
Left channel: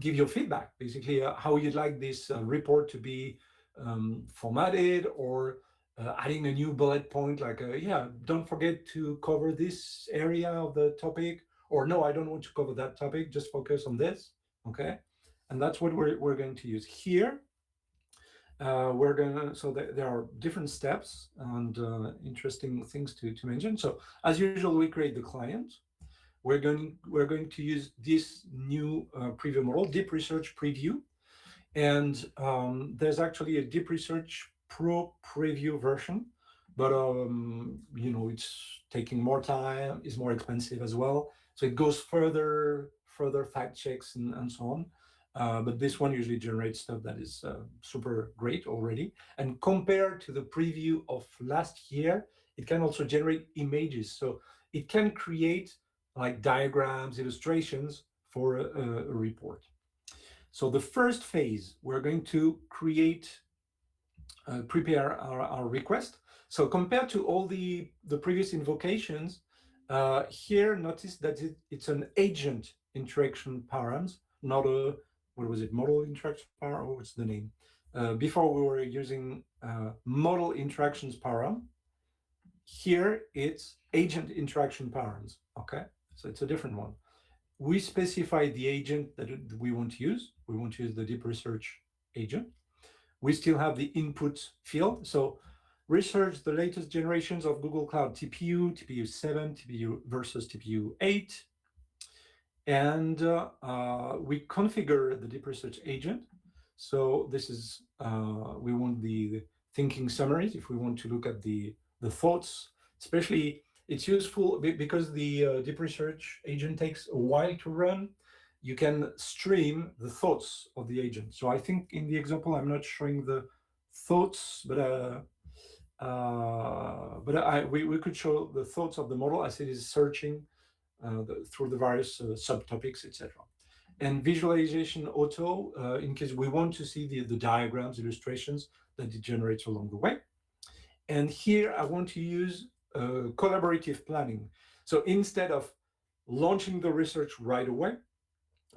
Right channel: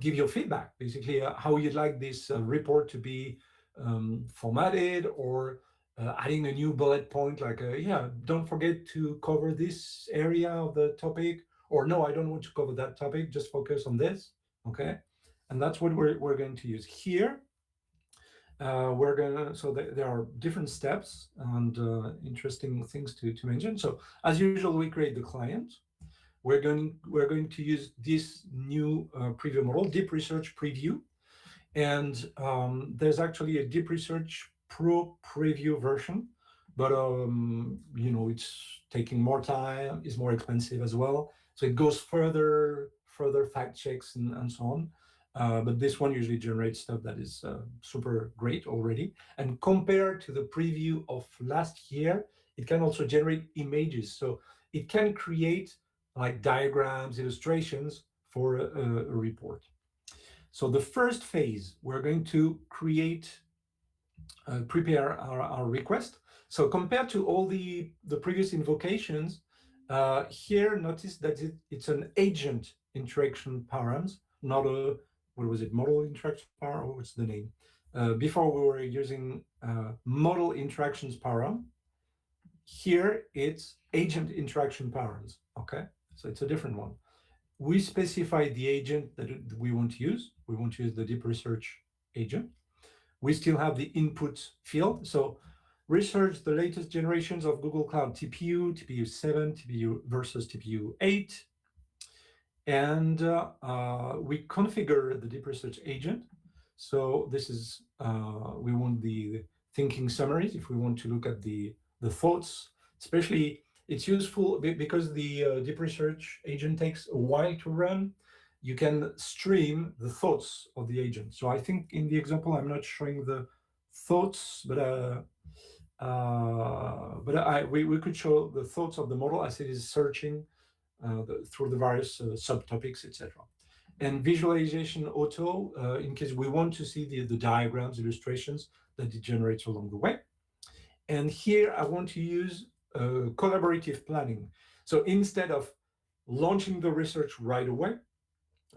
give your feedback, basically, how you'd like this report to be formatted, or adding a new bullet point, like, yeah, don't forget to cover this area of the topic, or no, I don't want to cover that topic, just focus on this. Okay. And that's what we're going to use here. We're gonna, so there are different steps and interesting things to mention. So as usual, we create the client. We're going to use this new preview model, Deep Research Preview, and there's actually a Deep Research Pro Preview version, but it's taking more time, is more expensive as well. So it goes further fact checks and so on. But this one usually generates stuff that is super great already. And compared to the preview of last year, it can also generate images. So it can create like diagrams, illustrations for a report. So the first phase, we're going to prepare our request. So compared to all the previous invocations, here notice that it's an agent interaction params, not a, what was it, model interaction param, or what's the name? Before we were using model interactions param. Here it's agent interaction params, okay? So it's a different one. We specify the agent that we want to use. We want to use the deep research agent. We still have the input field. So research the latest generations of Google Cloud TPU, TPU 7, TPU versus TPU 8. And we configure the deep research agent. So this is, we want the thinking summaries if we want to look at the thoughts, especially it's useful because the deep research agent takes a while to run. You can stream the thoughts of the agent. So I think in the example, I'm not showing the thoughts, but we could show the thoughts of the model as it is searching through the various subtopics, etc. And visualization auto, in case we want to see the diagrams, illustrations that it generates along the way. And here I want to use collaborative planning. So instead of launching the research right away,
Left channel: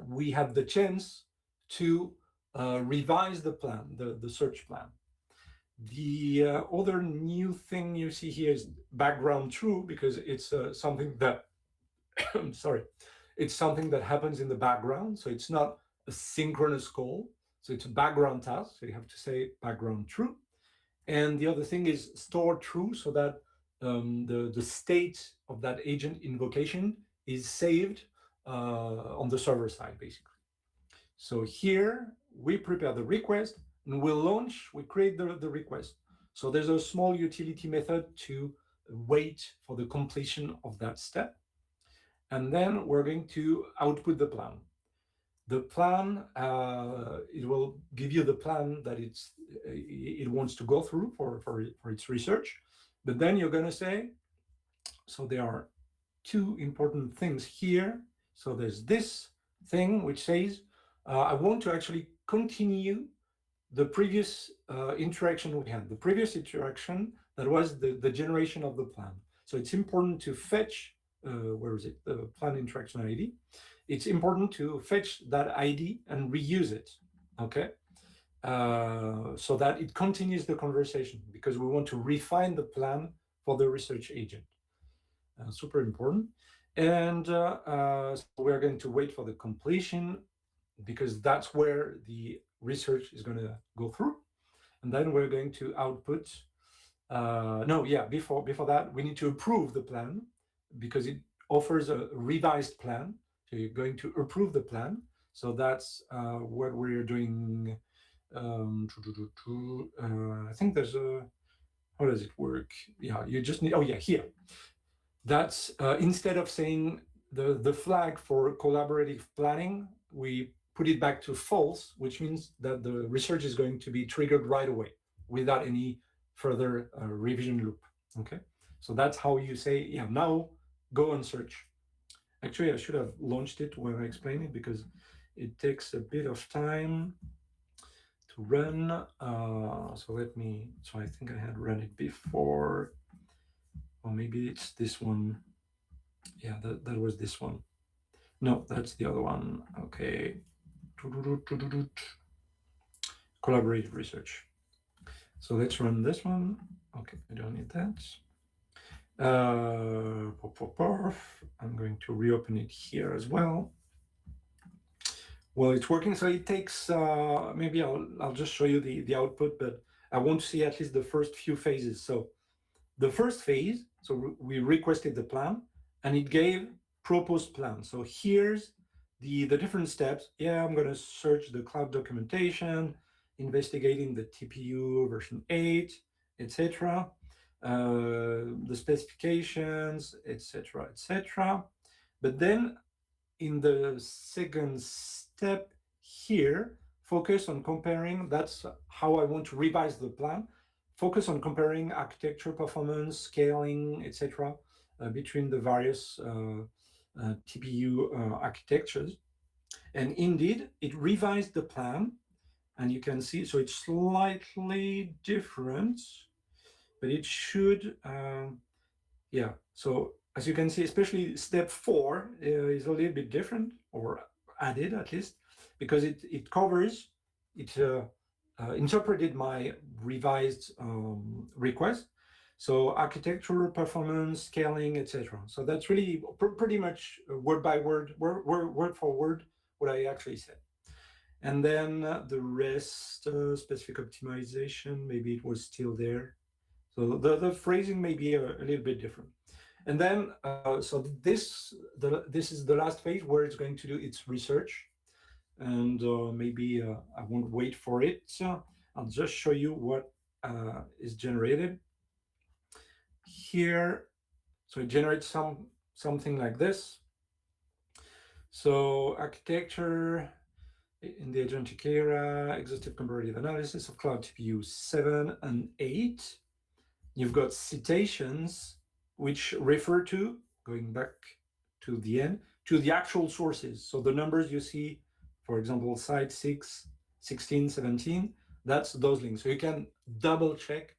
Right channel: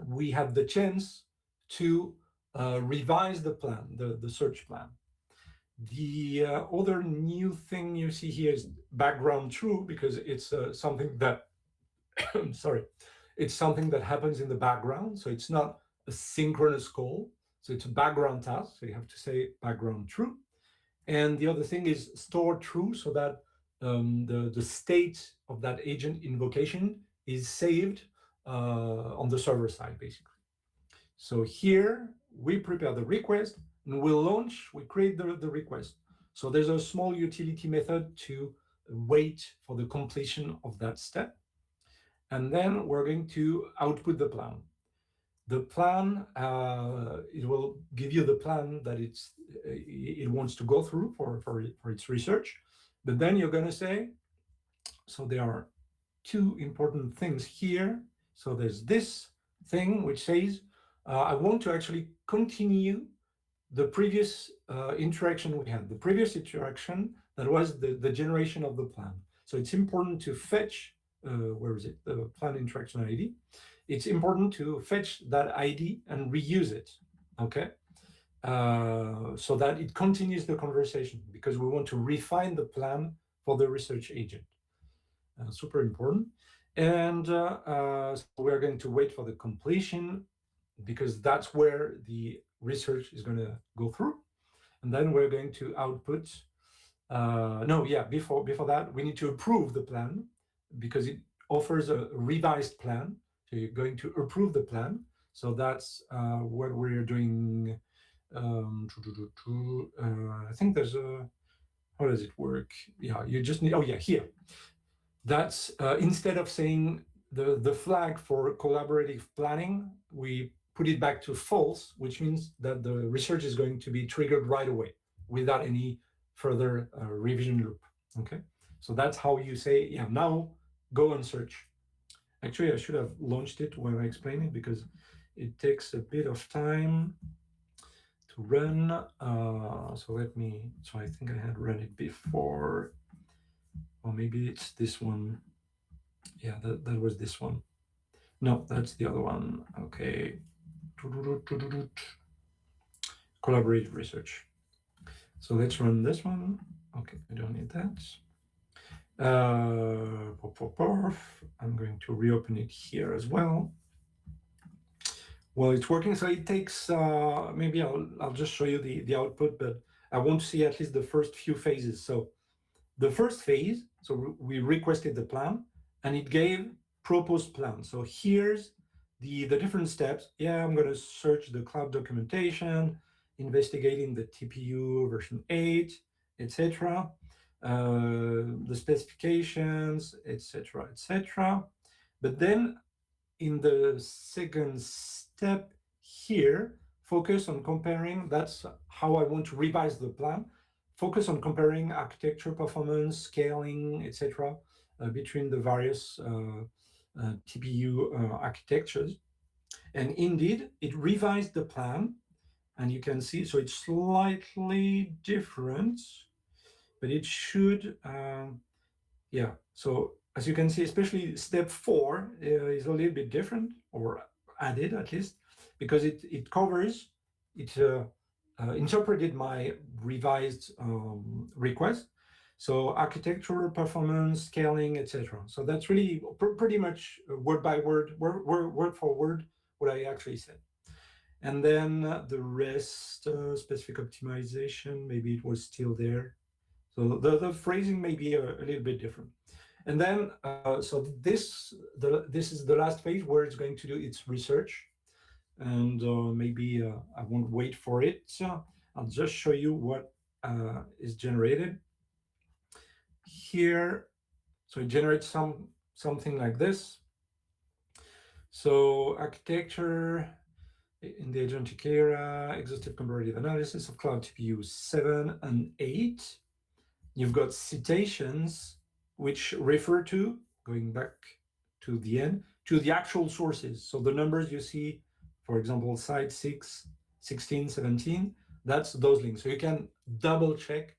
we have the chance to revise the plan, the search plan. The other new thing you see here is background true, because it's something that, sorry, it's something that happens in the background. So it's not a synchronous call. So it's a background task. So you have to say background true. And the other thing is store true, so that the state of that agent invocation is saved on the server side, basically. So here we prepare the request and we'll launch, we create the request. So there's a small utility method to wait for the completion of that step. And then we're going to output the plan. The plan, it will give you the plan that it wants to go through for its research. But then you're going to say, so there are two important things here. So there's this thing which says, I want to actually continue the previous interaction we had, the previous interaction that was the generation of the plan. So it's important to fetch, where is it, the plan interaction ID. It's important to fetch that ID and reuse it, okay? So that it continues the conversation, because we want to refine the plan for the research agent. Super important. And so we're going to wait for the completion, because that's where the research is going to go through. And then we're going to output, before that, we need to approve the plan, because it offers a revised plan. So you're going to approve the plan. So that's what we're doing. I think there's a, how does it work? Yeah, you just need, here. That's instead of saying the flag for collaborative planning, we put it back to false, which means that the research is going to be triggered right away without any further revision loop. Okay, so that's how you say, yeah, now go and search. Actually, I should have launched it when I explain it, because it takes a bit of time to to run. So let me, so I think I had run it before, or maybe it's this one. Yeah, that was this one. No, that's the other one. Okay. Collaborative research. So let's run this one. Okay, I don't need that. I'm going to reopen it here as well. Well, it's working. So it takes, maybe I'll just show you the output, but I want to see at least the first few phases. So the first phase, so we requested the plan and it gave proposed plan. So here's the different steps. Yeah, I'm going to search the cloud documentation, investigating the TPU version 8, etc. The specifications, etc., etc. But then in the second step here, focus on comparing, that's how I want to revise the plan, focus on comparing architecture, performance, scaling, etc. Between the various TPU architectures. And indeed, it revised the plan, and you can see, so it's slightly different, but it should, yeah. So as you can see, especially step 4 is a little bit different, or added at least, because it covers, it interpreted my revised request. So architecture, performance, scaling, etc. So that's really pretty much word by word, word for word, what I actually said. And then the rest, specific optimization, maybe it was still there. So the phrasing may be a little bit different. And then, so this is the last phase where it's going to do its research. And maybe I won't wait for it. So I'll just show you what is generated here. So it generates something like this. So architecture in the agentic era, exhaustive comparative analysis of cloud TPU 7 and 8. You've got citations which refer to, going back to the end, to the actual sources. So the numbers you see, for example, site 6, 16, 17, that's those links. So you can double check,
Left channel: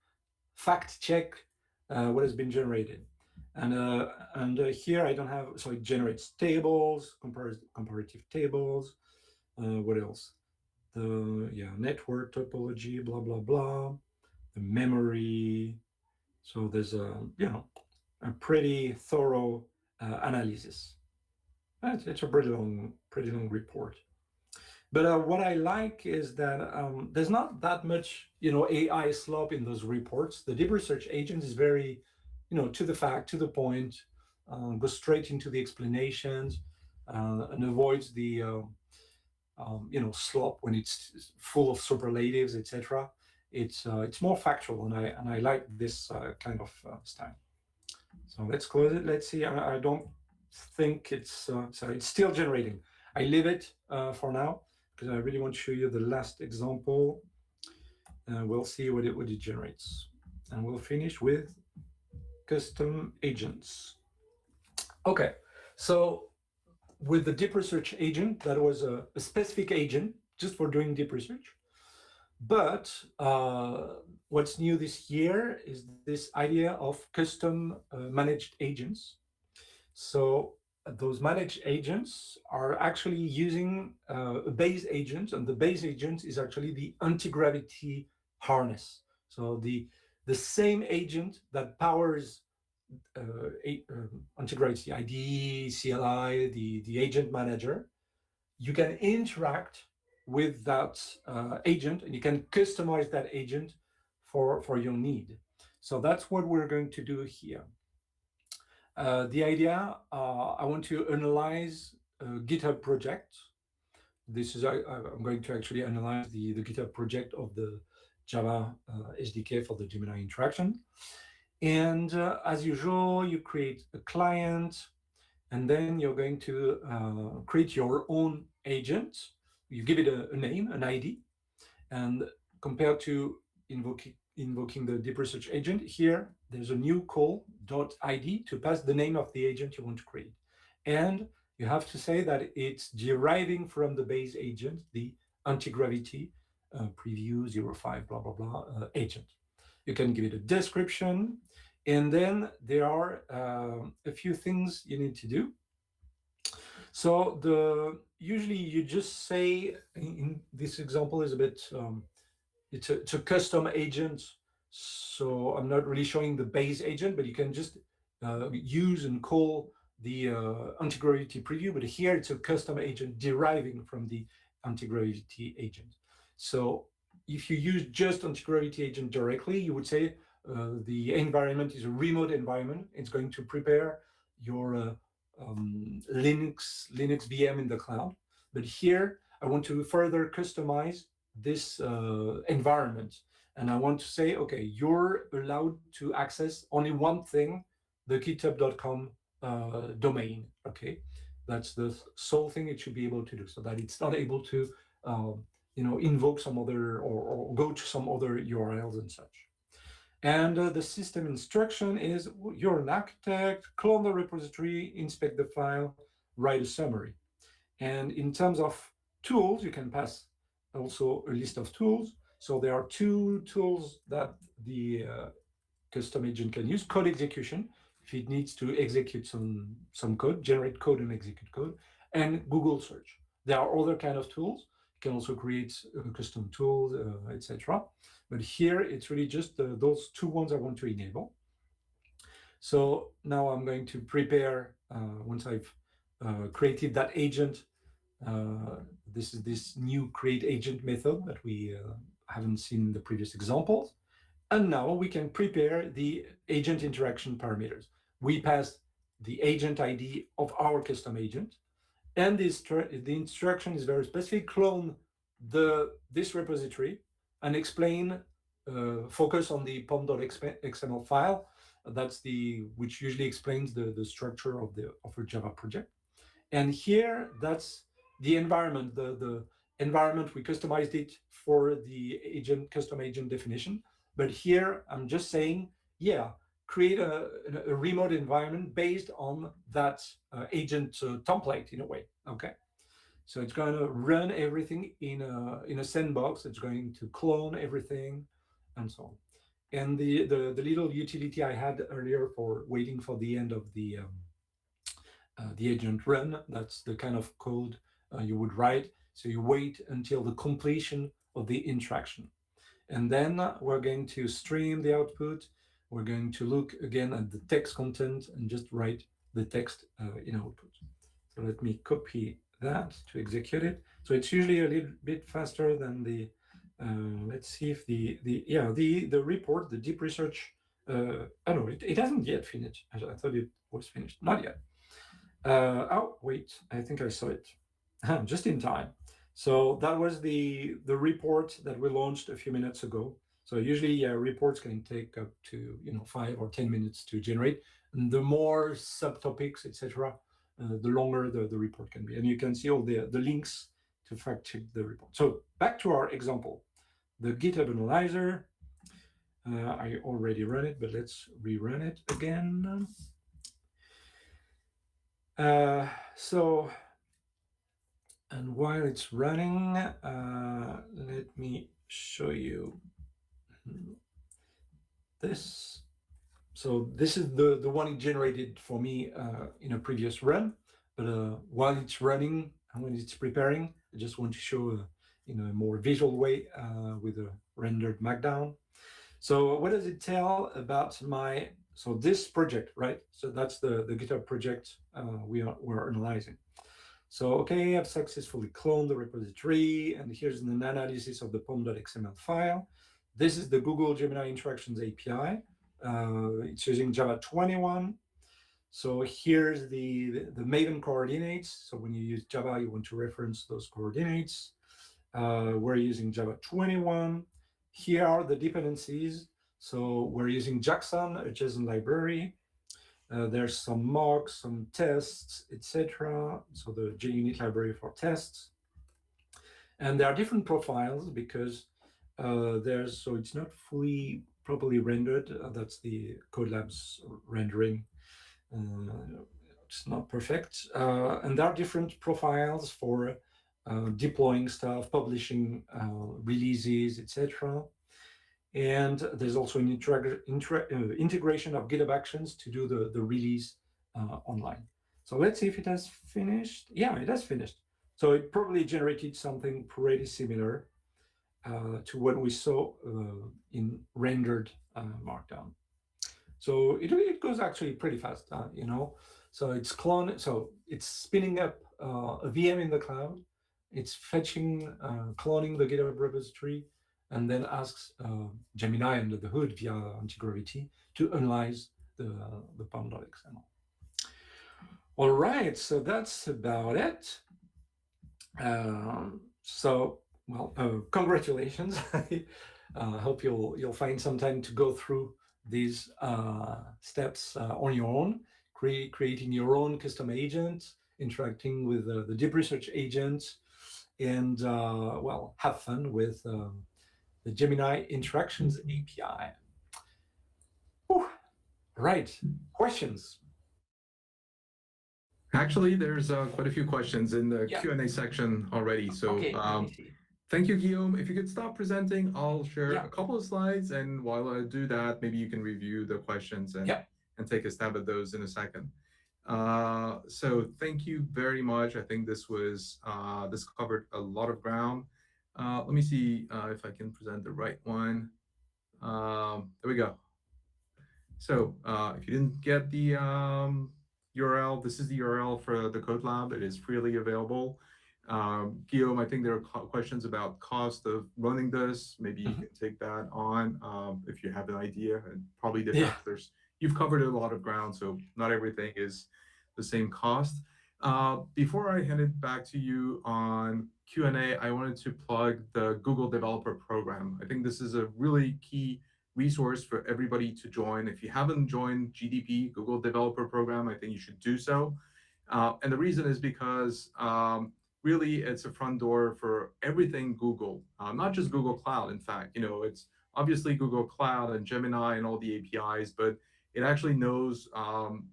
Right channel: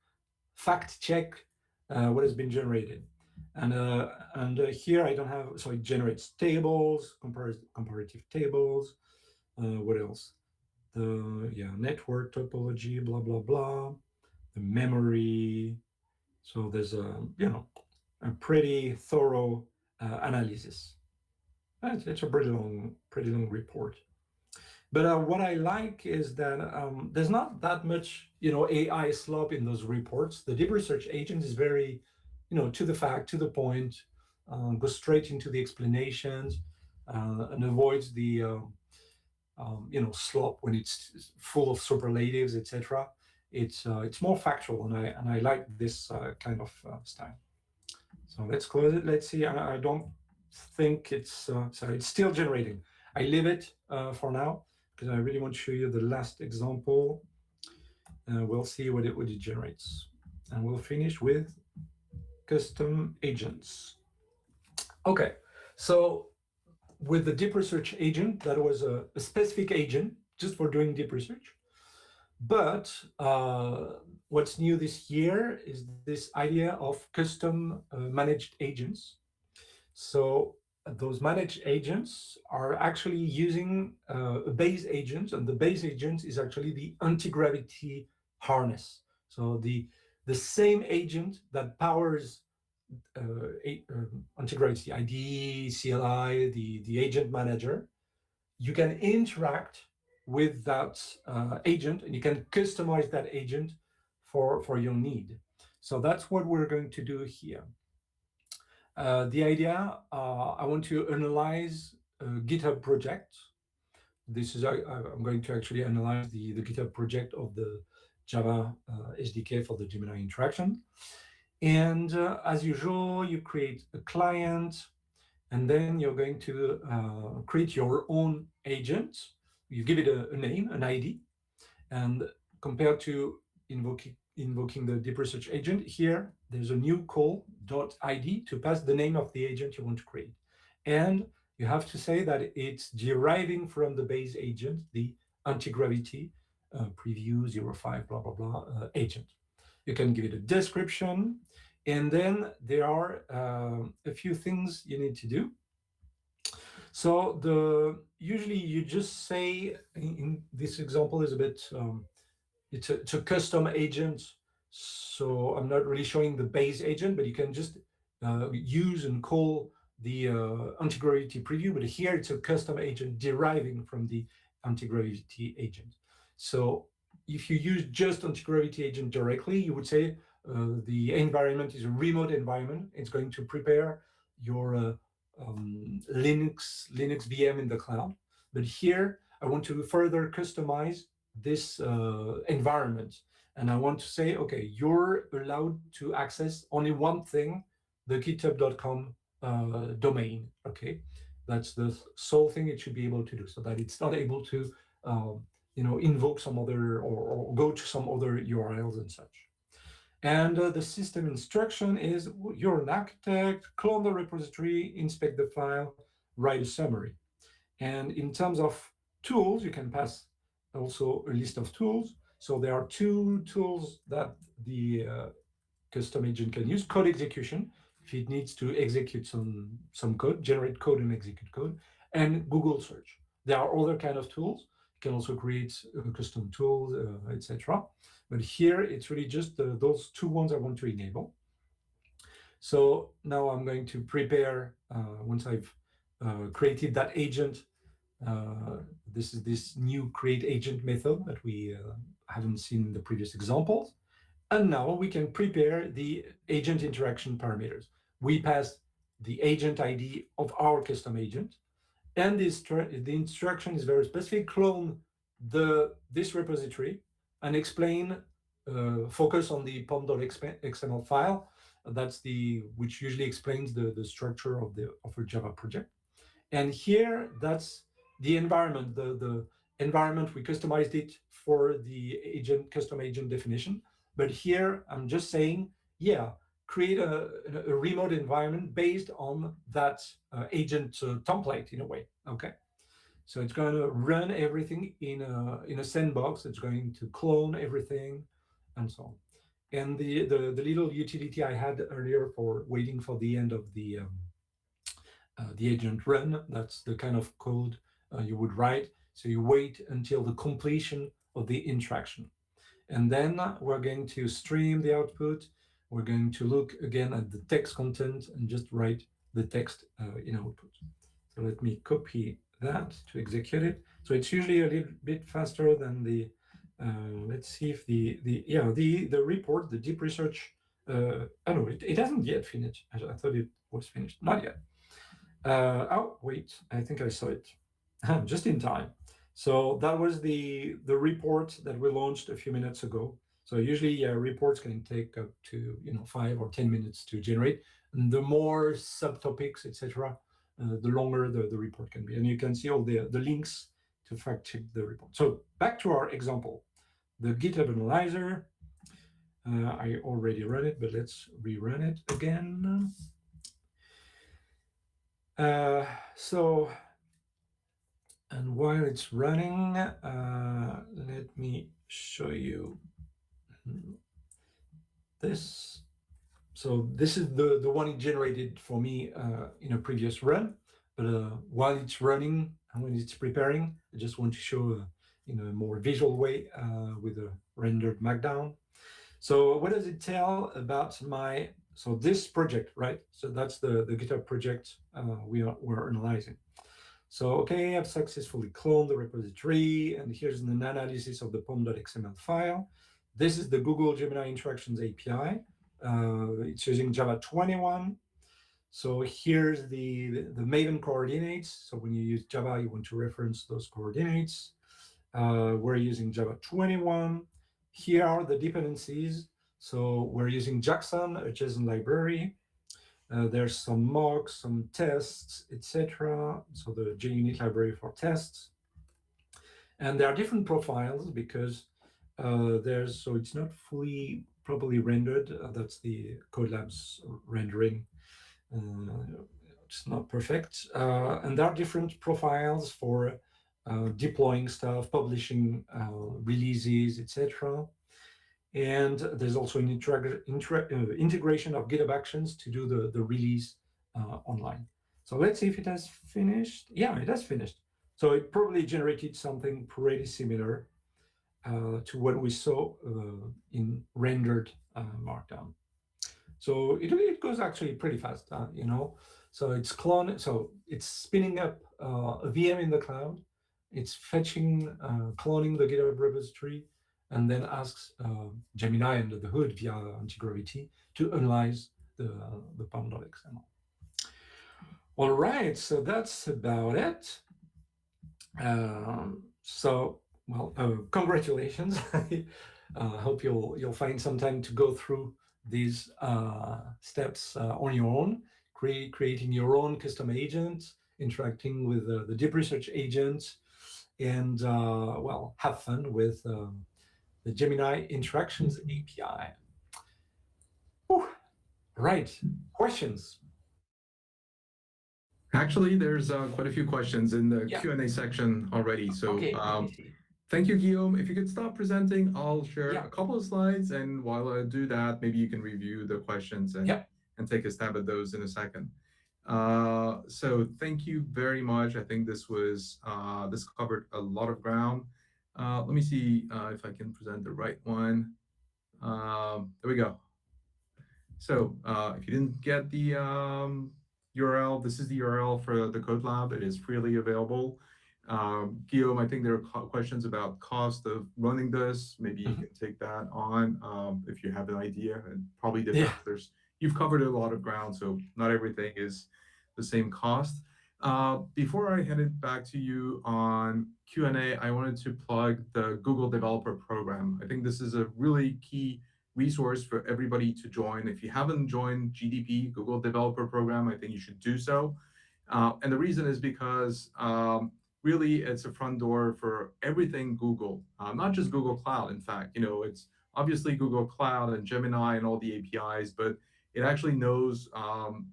fact check what has been generated. And here I don't have, so it generates tables, comparative tables. What else? The network topology, blah, blah, blah. The memory. So there's a pretty thorough analysis. It's a pretty long report. But what I like is that there's not that much AI slop in those reports. The deep research agent is very to the fact, to the point, goes straight into the explanations, and avoids the slop when it's full of superlatives, etc. It's more factual, and I like this kind of style. So let's close it. Let's see. I don't think it's so it's still generating. I leave it for now because I really want to show you the last example. We'll see what it generates, and we'll finish with custom agents. Okay, so with the deep research agent, that was a specific agent just for doing deep research. But what's new this year is this idea of custom managed agents. So those managed agents are actually using a base agent, and the base agent is actually the anti-gravity harness. So the same agent that powers anti-gravity IDE, CLI, the agent manager, you can interact with that agent, and you can customize that agent for your need. So that's what we're going to do here. The idea, I want to analyze a GitHub project. This is, I'm going to actually analyze the GitHub project of the Java SDK for the Gemini interaction. And as usual, you create a client, and then you're going to create your own agent. You give it a name, an ID, and compared to invoking the deep research agent, here there's a new call .id to pass the name of the agent you want to create. And you have to say that it's deriving from the base agent, the anti-gravity, preview 05 blah blah blah agent. You can give it a description, and then there are a few things you need to do. So the usually you just say in this example is a bit it's a custom agent, so I'm not really showing the base agent, but you can just use and call the anti-gravity preview. But here it's a custom agent deriving from the anti-gravity agent. So if you use just anti-gravity agent directly, you would say the environment is a remote environment. It's going to prepare your Linux VM in the cloud. But here I want to further customize this environment, and I want to say, okay, you're allowed to access only one thing, the github.com domain. Okay, that's the sole thing it should be able to do, so that it's not able to invoke some other or go to some other URLs and such. And the system instruction is, you're an architect, clone the repository, inspect the file, write a summary. And in terms of tools, you can pass also a list of tools. So there are two tools that the custom agent can use: code execution, if it needs to execute some code, generate code and execute code, and Google search. There are other kind of tools. You can also create custom tools, etc. But here it's really just those two ones I want to enable. So now I'm going to prepare, once I've created that agent, this is this new create agent method that we haven't seen in the previous examples. And now we can prepare the agent interaction parameters. We pass the agent ID of our custom agent, and the instruction is very specific: clone this repository and explain, focus on the pom.xml file. That's which usually explains the structure of a Java project. And here, that's the environment, the environment, we customized it for the custom agent definition. But here, I'm just saying, yeah, create a remote environment based on that agent template in a way, okay? So it's going to run everything in a sandbox. It's going to clone everything and so on. And the little utility I had earlier for waiting for the end of the agent run, that's the kind of code you would write. So you wait until the completion of the interaction. And then we're going to stream the output. We're going to look again at the text content and just write the text in output. So let me copy that to execute it. So it's usually a little bit faster than the, let's see if the report, the deep research, oh no, it hasn't yet finished. I thought it was finished, not yet. Oh, wait, I think I saw it just in time. So that was the report that we launched a few minutes ago. So usually reports can take up to 5 or 10 minutes to generate. And the more subtopics, etc., the longer the report can be. And you can see all the links to fact check the report. So back to our example, the GitHub Analyzer. I already ran it, but let's rerun it again. So, and while it's running, let me show you this. So this is the one it generated for me in a previous run. But while it's running and when it's preparing, I just want to show in a more visual way with a rendered markdown. So what does it tell about so this project, right? So that's the GitHub project we're analyzing. So, okay, I've successfully cloned the repository, and here's an analysis of the pom.xml file. This is the Google Gemini Interactions API. It's using Java 21. So here's the Maven coordinates. So when you use Java, you want to reference those coordinates. We're using Java 21. Here are the dependencies. So we're using Jackson, a JSON library. There's some mocks, some tests, etc. So the JUnit library for tests. And there are different profiles because so it's not fully properly rendered. That's the Codelab's rendering. It's not perfect. And there are different profiles for deploying stuff, publishing releases, etc. And there's also an integration of GitHub Actions to do the release online. So let's see if it has finished. Yeah, it has finished. So it probably generated something pretty similar to what we saw in rendered Markdown. So it goes actually pretty fast, you know. So it's spinning up a VM in the cloud. It's fetching, cloning the GitHub repository, and then asks Gemini under the hood via anti-gravity to analyze the Pom.xml. All right, so that's about it. Congratulations. I hope you'll find some time to go through these steps on your own, creating your own custom agent, interacting with the deep research agent, and have fun with the Gemini Interactions API. Whew. Right, questions? Actually, there's quite a few questions in the Yeah. Q&A section already. So Okay, let me see. thank you, Guillaume. If you could stop presenting, I'll share Yeah. a couple of slides. And while I do that, maybe you can review the questions and, Yeah. and take a stab at those in a second. So thank you very much. I think this covered a lot of ground. Let me see if I can present the right one. There we go. So if you didn't get the URL, this is the URL for the Code Lab. It is freely available. Guillaume, I think there are questions about cost of running this. Maybe you can take that on if you have an idea. And probably you've covered a lot of ground, so not everything is the same cost. Before I hand it back to you on Q&A, I wanted to plug the Google Developer Program. I think this is a really key resource for everybody to join. If you haven't joined GDP, Google Developer Program, I think you should do so. And the reason is because really it's a front door for everything Google, not just Google Cloud. In fact, it's obviously Google Cloud and Gemini and all the APIs, but it actually knows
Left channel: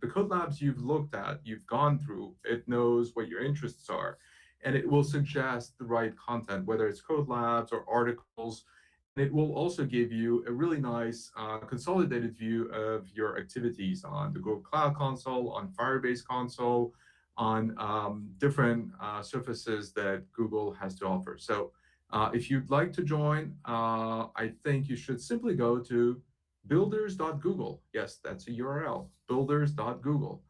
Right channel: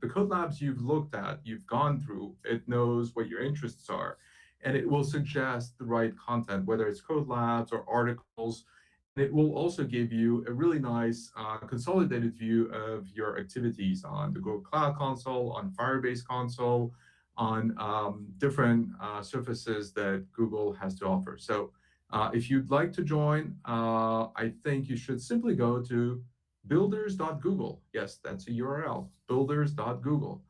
the code labs you've looked at, you've gone through. It knows what your interests are, and it will suggest the right content, whether it's code labs or articles. And it will also give you a really nice consolidated view of your activities on the Google Cloud Console, on Firebase Console, on different surfaces that Google has to offer. So if you'd like to join, I think you should simply go to builders.google. Yes, that's a URL, builders.google.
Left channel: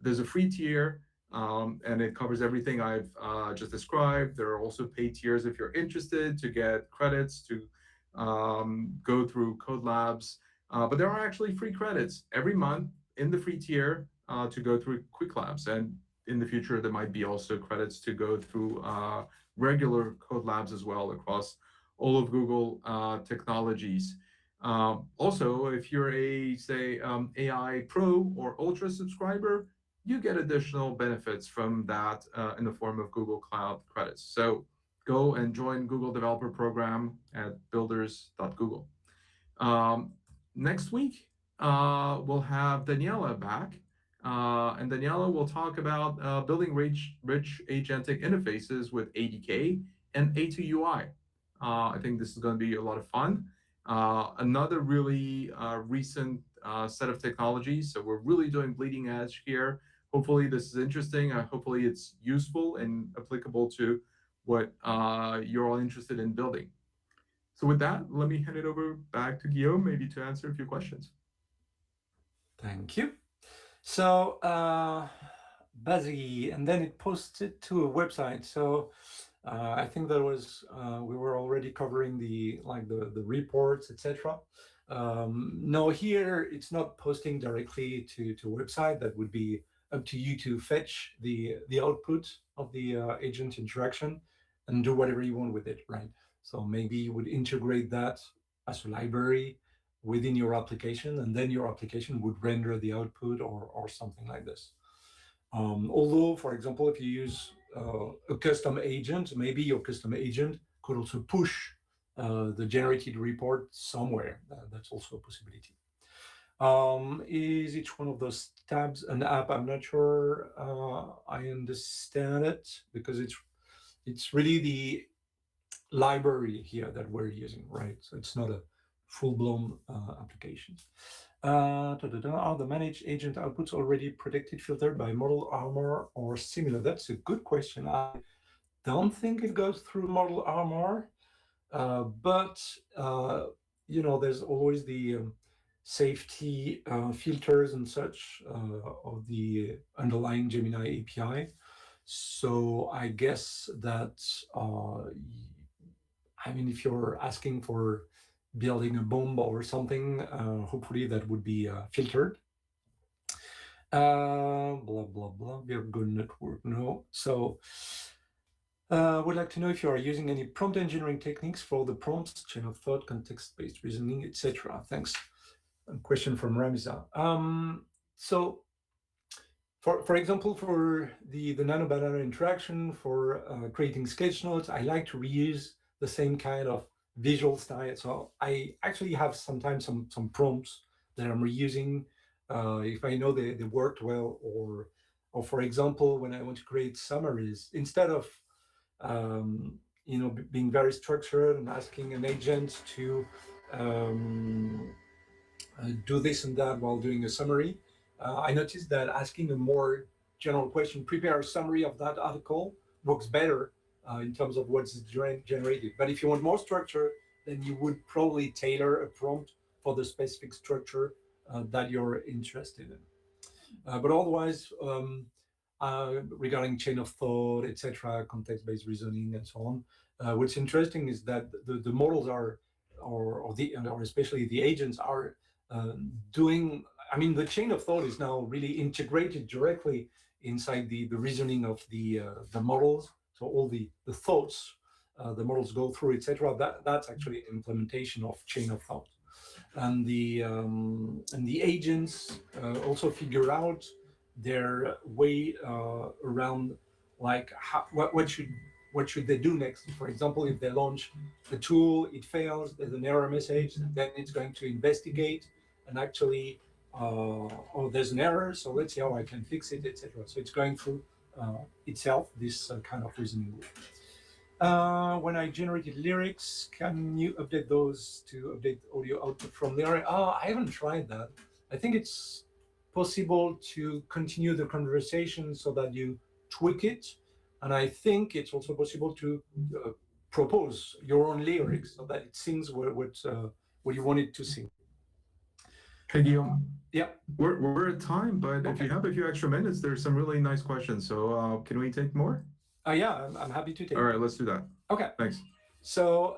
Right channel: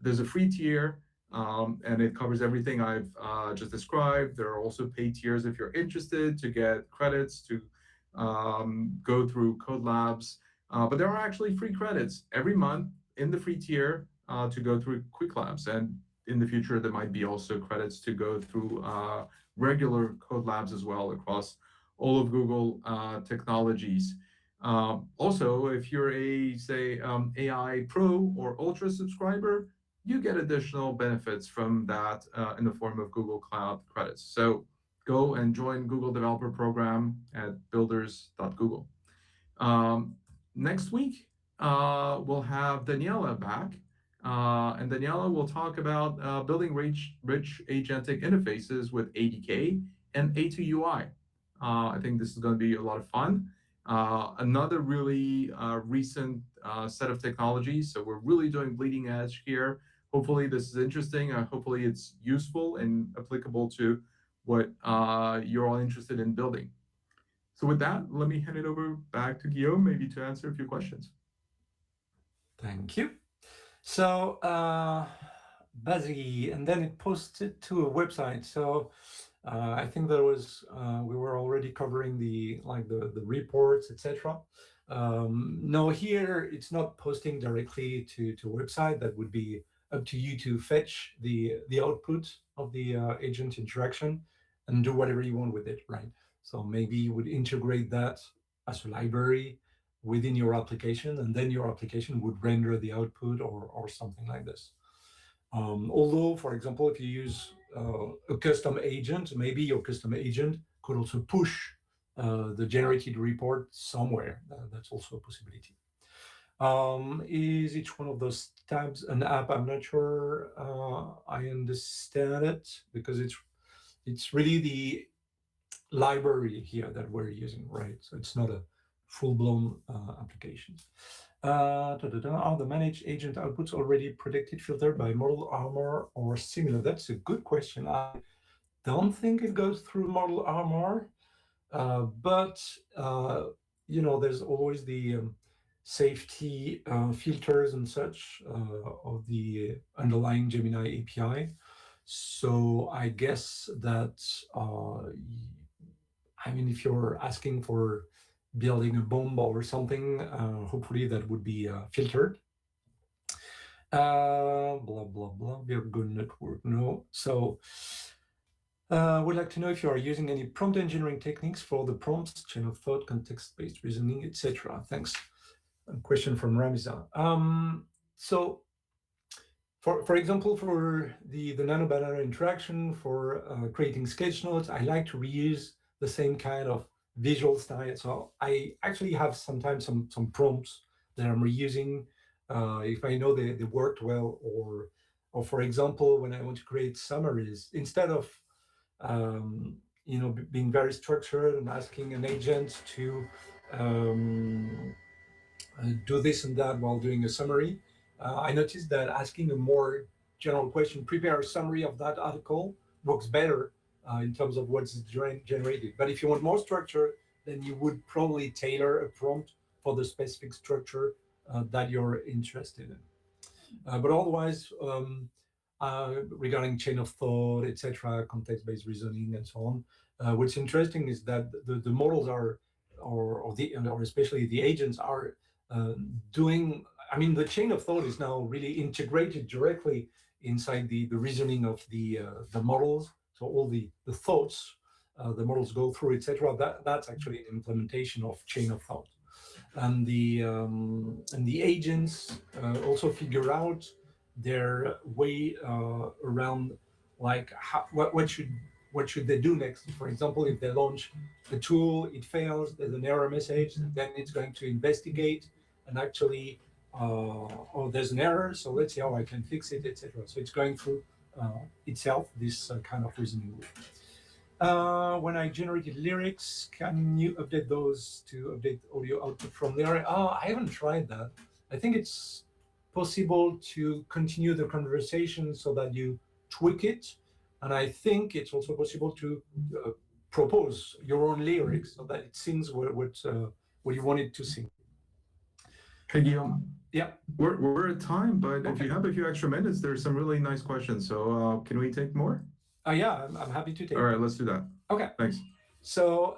There's a free tier, and it covers everything I've just described. There are also paid tiers if you're interested to get credits to go through Code Labs. But there are actually free credits every month in the free tier to go through Quick Labs. And in the future, there might be also credits to go through regular Code Labs as well across all of Google technologies. Also, if you're a, say, AI Pro or Ultra subscriber, you get additional benefits from that in the form of Google Cloud credits. So go and join Google Developer Program at builders.google. Next week, we'll have Daniela back. And Daniela will talk about building rich agentic interfaces with ADK and A2UI. I think this is going to be a lot of fun. Another really recent set of technologies. So we're really doing bleeding edge here. Hopefully this is interesting. Hopefully it's useful and applicable to what you're all interested in building. So with that, let me hand it over back to Guillaume, maybe to answer a few questions. Thank you. So Bazzy, and then it posted to a website. So I think there was we were already covering the reports, etc. No, here it's not posting directly to a website. That would be up to you to fetch the output of the agent interaction and do whatever you want with it, right? So maybe you would integrate that as a library within your application, and then your application would render the output or something like this. Although, for example, if you use a custom agent, maybe your custom agent could also push the generated report somewhere. That's also a possibility. Is each one of those tabs an app? I'm not sure I understand it because It's really the library here that we're using, right? So it's not a full-blown application. Are the managed agent outputs already predicted, filtered by model armor or similar? That's a good question. I don't think it goes through model armor, but there's always the safety filters and such of the underlying Gemini API. So I guess that if you're asking for building a bomb or something, hopefully that would be filtered. Blah blah blah. We have good network. No. So would like to know if you are using any prompt engineering techniques for the prompts, chain of thought, context-based reasoning, etc. Thanks. A question from Ramza. So for example, for the nano banana interaction, for creating sketch notes, I like to reuse the same kind of visual style. So I actually have sometimes some prompts that I'm reusing if I know they worked well, or for example, when I want to create summaries, instead of being very structured and asking an agent to do this and that while doing a summary. I noticed that asking a more general question, prepare a summary of that article, works better in terms of what's generated. But if you want more structure, then you would probably tailor a prompt for the specific structure that you're interested in. But otherwise, regarding chain of thought, etc., context-based reasoning, and so on, what's interesting is that the models are, or especially the agents are uh, doing. I mean, the chain of thought is now really integrated directly inside the reasoning of the models. So all the thoughts the models go through, etc. That's actually an implementation of chain of thought, and the agents also figure out their way around, like what should they do next. For example, if they launch the tool, it fails, there's an error message, then it's going to investigate and actually oh, there's an error, so let's see how I can fix it, etc. So it's going through itself this kind of reasoning loop. When I generated lyrics, can you update those to update audio output from lyric? I haven't tried that. I think it's possible to continue the conversation so that you tweak it. And I think it's also possible to propose your own lyrics so that it sings what you want it to sing. Hey, Guillaume. Yeah. We're at time, but if Okay. you have a few extra minutes, there's some really nice questions. So can we take more? Yeah, I'm happy to take. All right, let's do that. Okay. Thanks. So,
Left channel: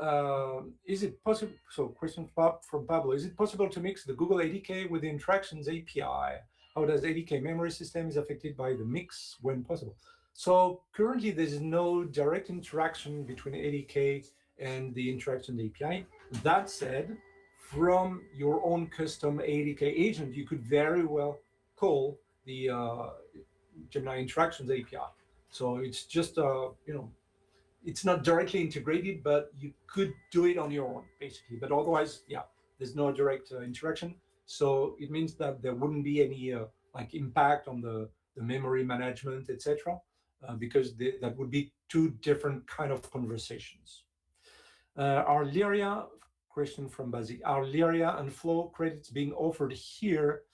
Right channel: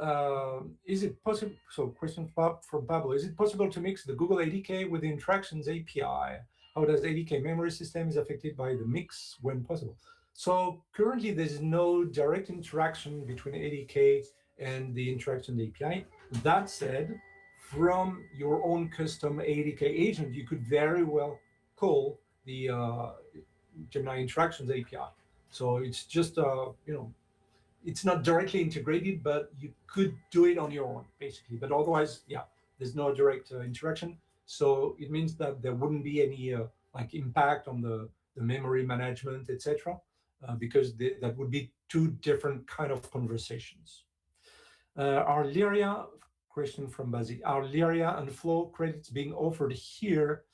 is it possible? So, question from Pablo: is it possible to mix the Google ADK with the Interactions API? How does ADK memory system is affected by the mix when possible? So, currently, there is no direct interaction between ADK and the Interactions API. That said, from your own custom ADK agent, you could very well call the Gemini Interactions API. So it's just it's not directly integrated, but you could do it on your own, basically. But otherwise, yeah, there's no direct interaction. So it means that there wouldn't be any like impact on the memory management, etc., because that would be two different kind of conversations. Are Lyria, question from Bazi, are Lyria and Flow credits being offered here?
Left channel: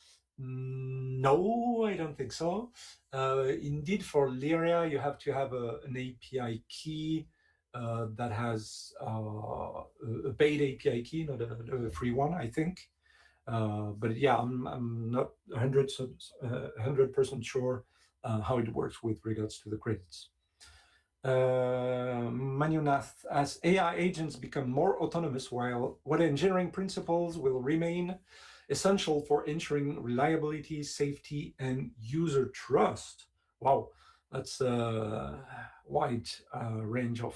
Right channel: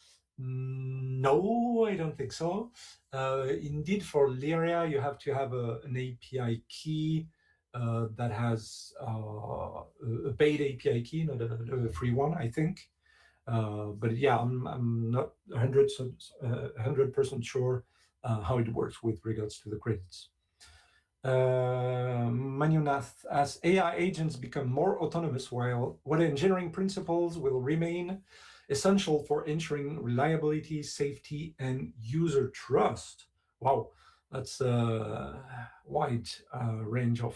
No, I don't think so. Indeed, for Lyria, you have to have an API key that has a paid API key, not a free one, I think. But yeah, I'm not 100% sure how it works with regards to the credits. Manunath, as AI agents become more autonomous, while what engineering principles will remain essential for ensuring reliability, safety, and user trust? Wow, that's a wide range of.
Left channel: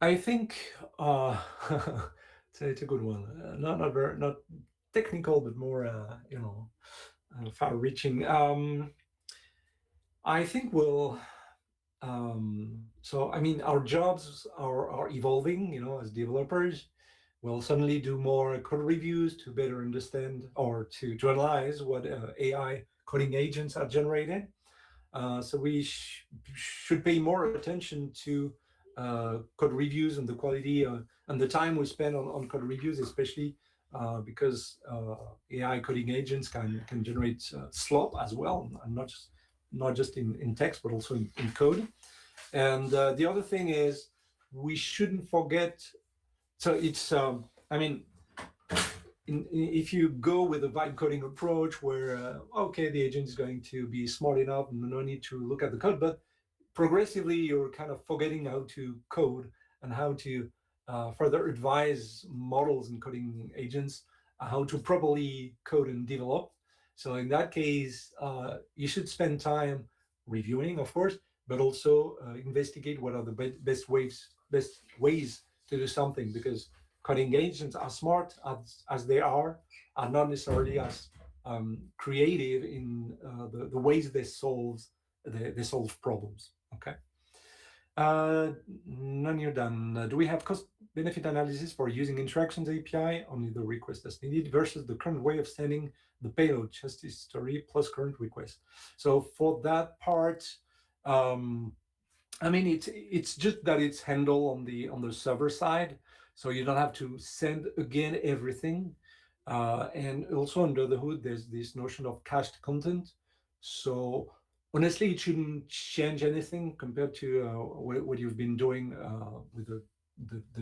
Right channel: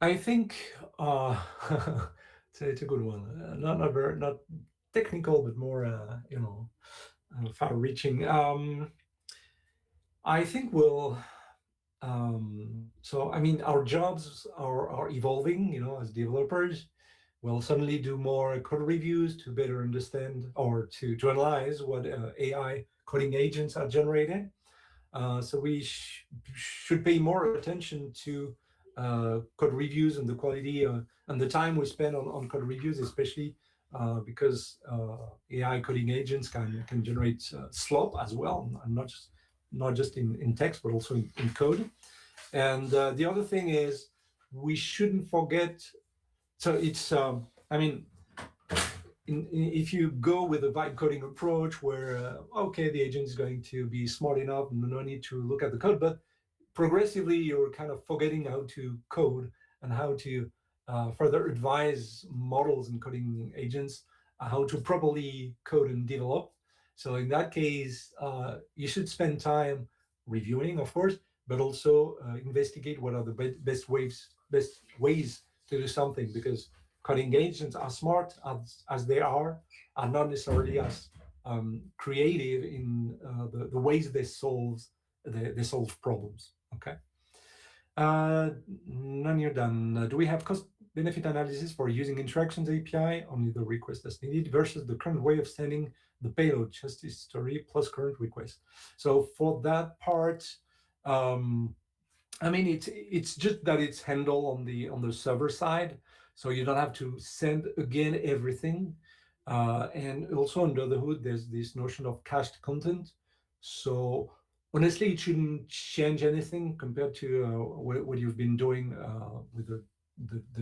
I think it's a good one. Not technical, but more far-reaching. I think we'll. So I mean, our jobs are evolving. As developers, we'll suddenly do more code reviews to better understand or to analyze what AI coding agents are generating. So we should pay more attention to code reviews and the quality and the time we spend on code reviews, especially because AI coding agents can generate slop as well, and not just in text, but also in code. And the other thing is we shouldn't forget. So it's I mean, if you go with a vibe coding approach where okay, the agent is going to be smart enough, no need to look at the code, but progressively you're kind of forgetting how to code and how to further advise models and coding agents how to properly code and develop. So in that case, you should spend time reviewing, of course, but also investigate what are the best ways to do something, because coding agents, as smart as they are not necessarily as creative in the ways they solve problems. Okay. None you're done. Do we have cost benefit analysis for using interactions API? Only the request that's needed versus the current way of sending the payload, just history plus current request. So for that part, um, I mean, it's just that it's handled on the server side, so you don't have to send again everything. And also under the hood, there's this notion of cached content. So honestly, it shouldn't change anything compared to what you've been doing with the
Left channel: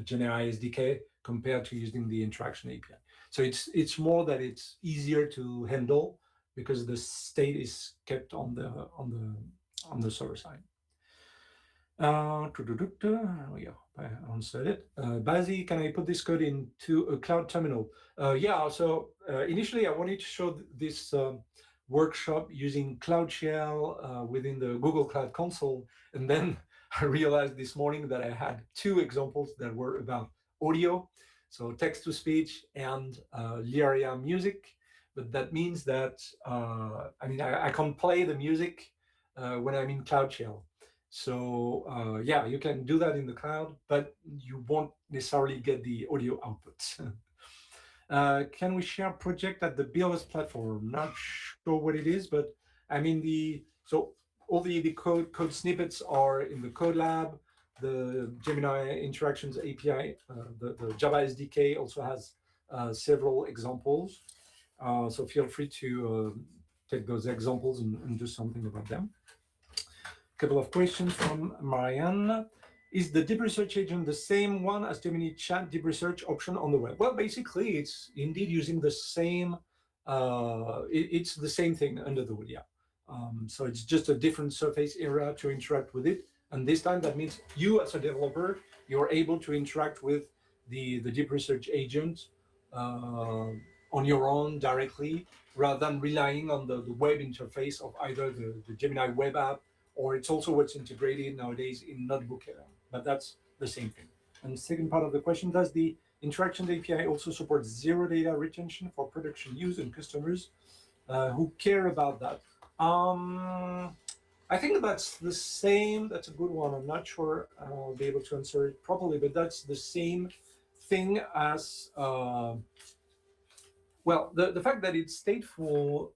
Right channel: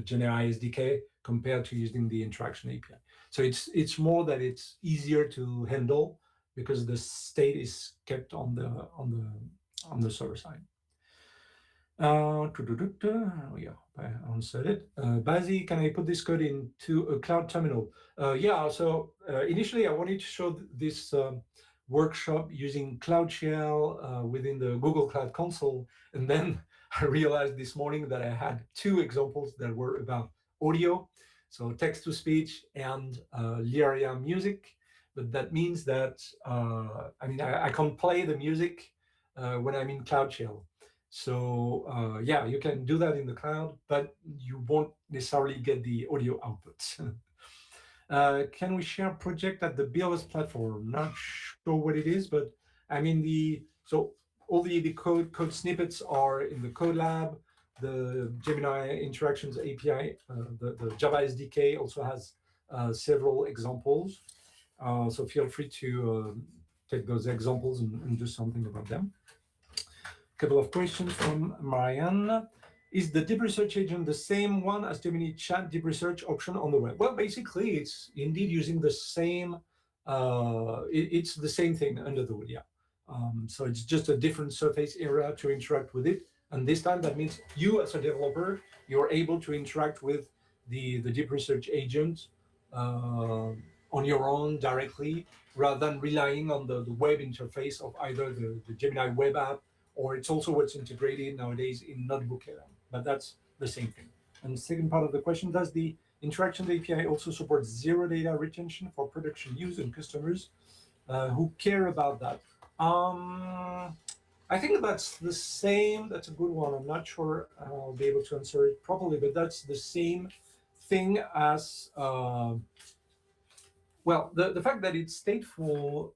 Gemini SDK compared to using the interaction API. So it's more that it's easier to handle because the state is kept on the server side. Yeah, I answered it. Bazi, can I put this code into a cloud terminal? Yeah, so initially I wanted to show this workshop using Cloud Shell within the Google Cloud Console. And then I realized this morning that I had two examples that were about audio, so text to speech and Lyria music. But that means that, I can't play the music when I'm in Cloud Shell. So yeah, you can do that in the cloud, but you won't necessarily get the audio output. Can we share project at the BLS platform? Not sure what it is, but I mean so all the code snippets are in the code lab. The Gemini Interactions API, the Java SDK also has several examples. So feel free to take those examples and do something about them. Couple of questions from Marianne. Is the deep research agent the same one as Gemini chat deep research option on the web? Well, basically, it's indeed using the same. It's the same thing under the hood, yeah. So it's just a different surface area to interact with it, and this time that means you, as a developer, you're able to interact with the deep research agent on your own directly, rather than relying on the web interface of either the Gemini web app, or it's also what's integrated nowadays in Notebook AI, but that's the same thing. And the second part of the question, does the Interactions API also support zero data retention for production use and customers who care about that? I think that's the same. That's a good one. I'm not sure I'll be able to answer it properly, but that's the same thing as well, the fact that it's stateful,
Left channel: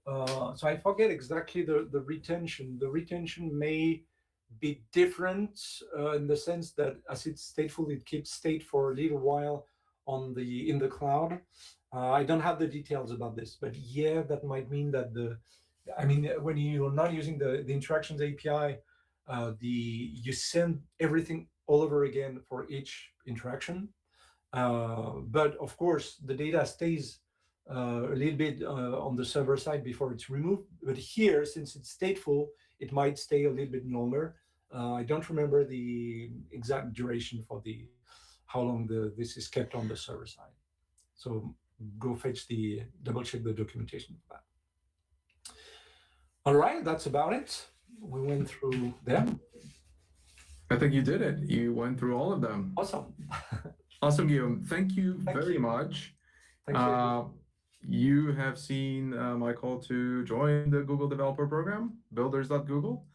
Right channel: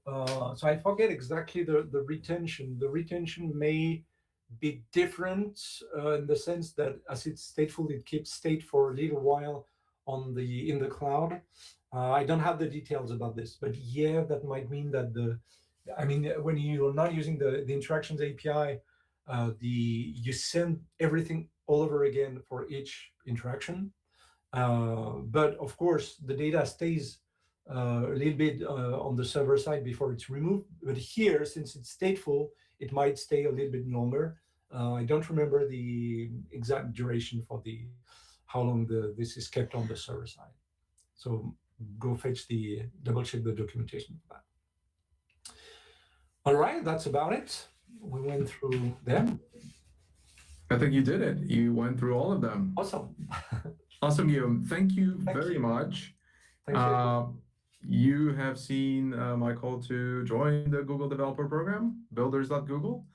so I forget exactly the retention. The retention may be different in the sense that as it's stateful, it keeps state for a little while in the cloud. I don't have the details about this, but yeah, that might mean that when you're not using the interactions API, you send everything all over again for each interaction. But of course, the data stays a little bit on the server side before it's removed. But here, since it's stateful, it might stay a little bit longer. I don't remember the exact duration for how long this is kept on the server side. So go double check the documentation for that. All right, that's about it. We went through them. I think you did it. You went through all of them. Awesome. Awesome, Guillaume. Thank you very much. Thank you. You have seen my call to join the Google Developer Program, builders.google.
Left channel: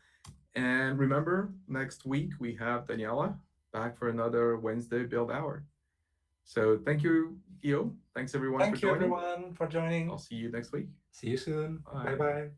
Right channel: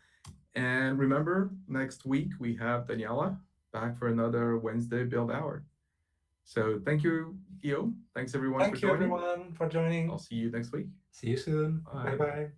And remember, next week we have Daniela back for another Wednesday Build Hour. So thank you, Guillaume. Thanks everyone for joining. Thank you everyone for joining. I'll see you next week. See you soon. Bye-bye.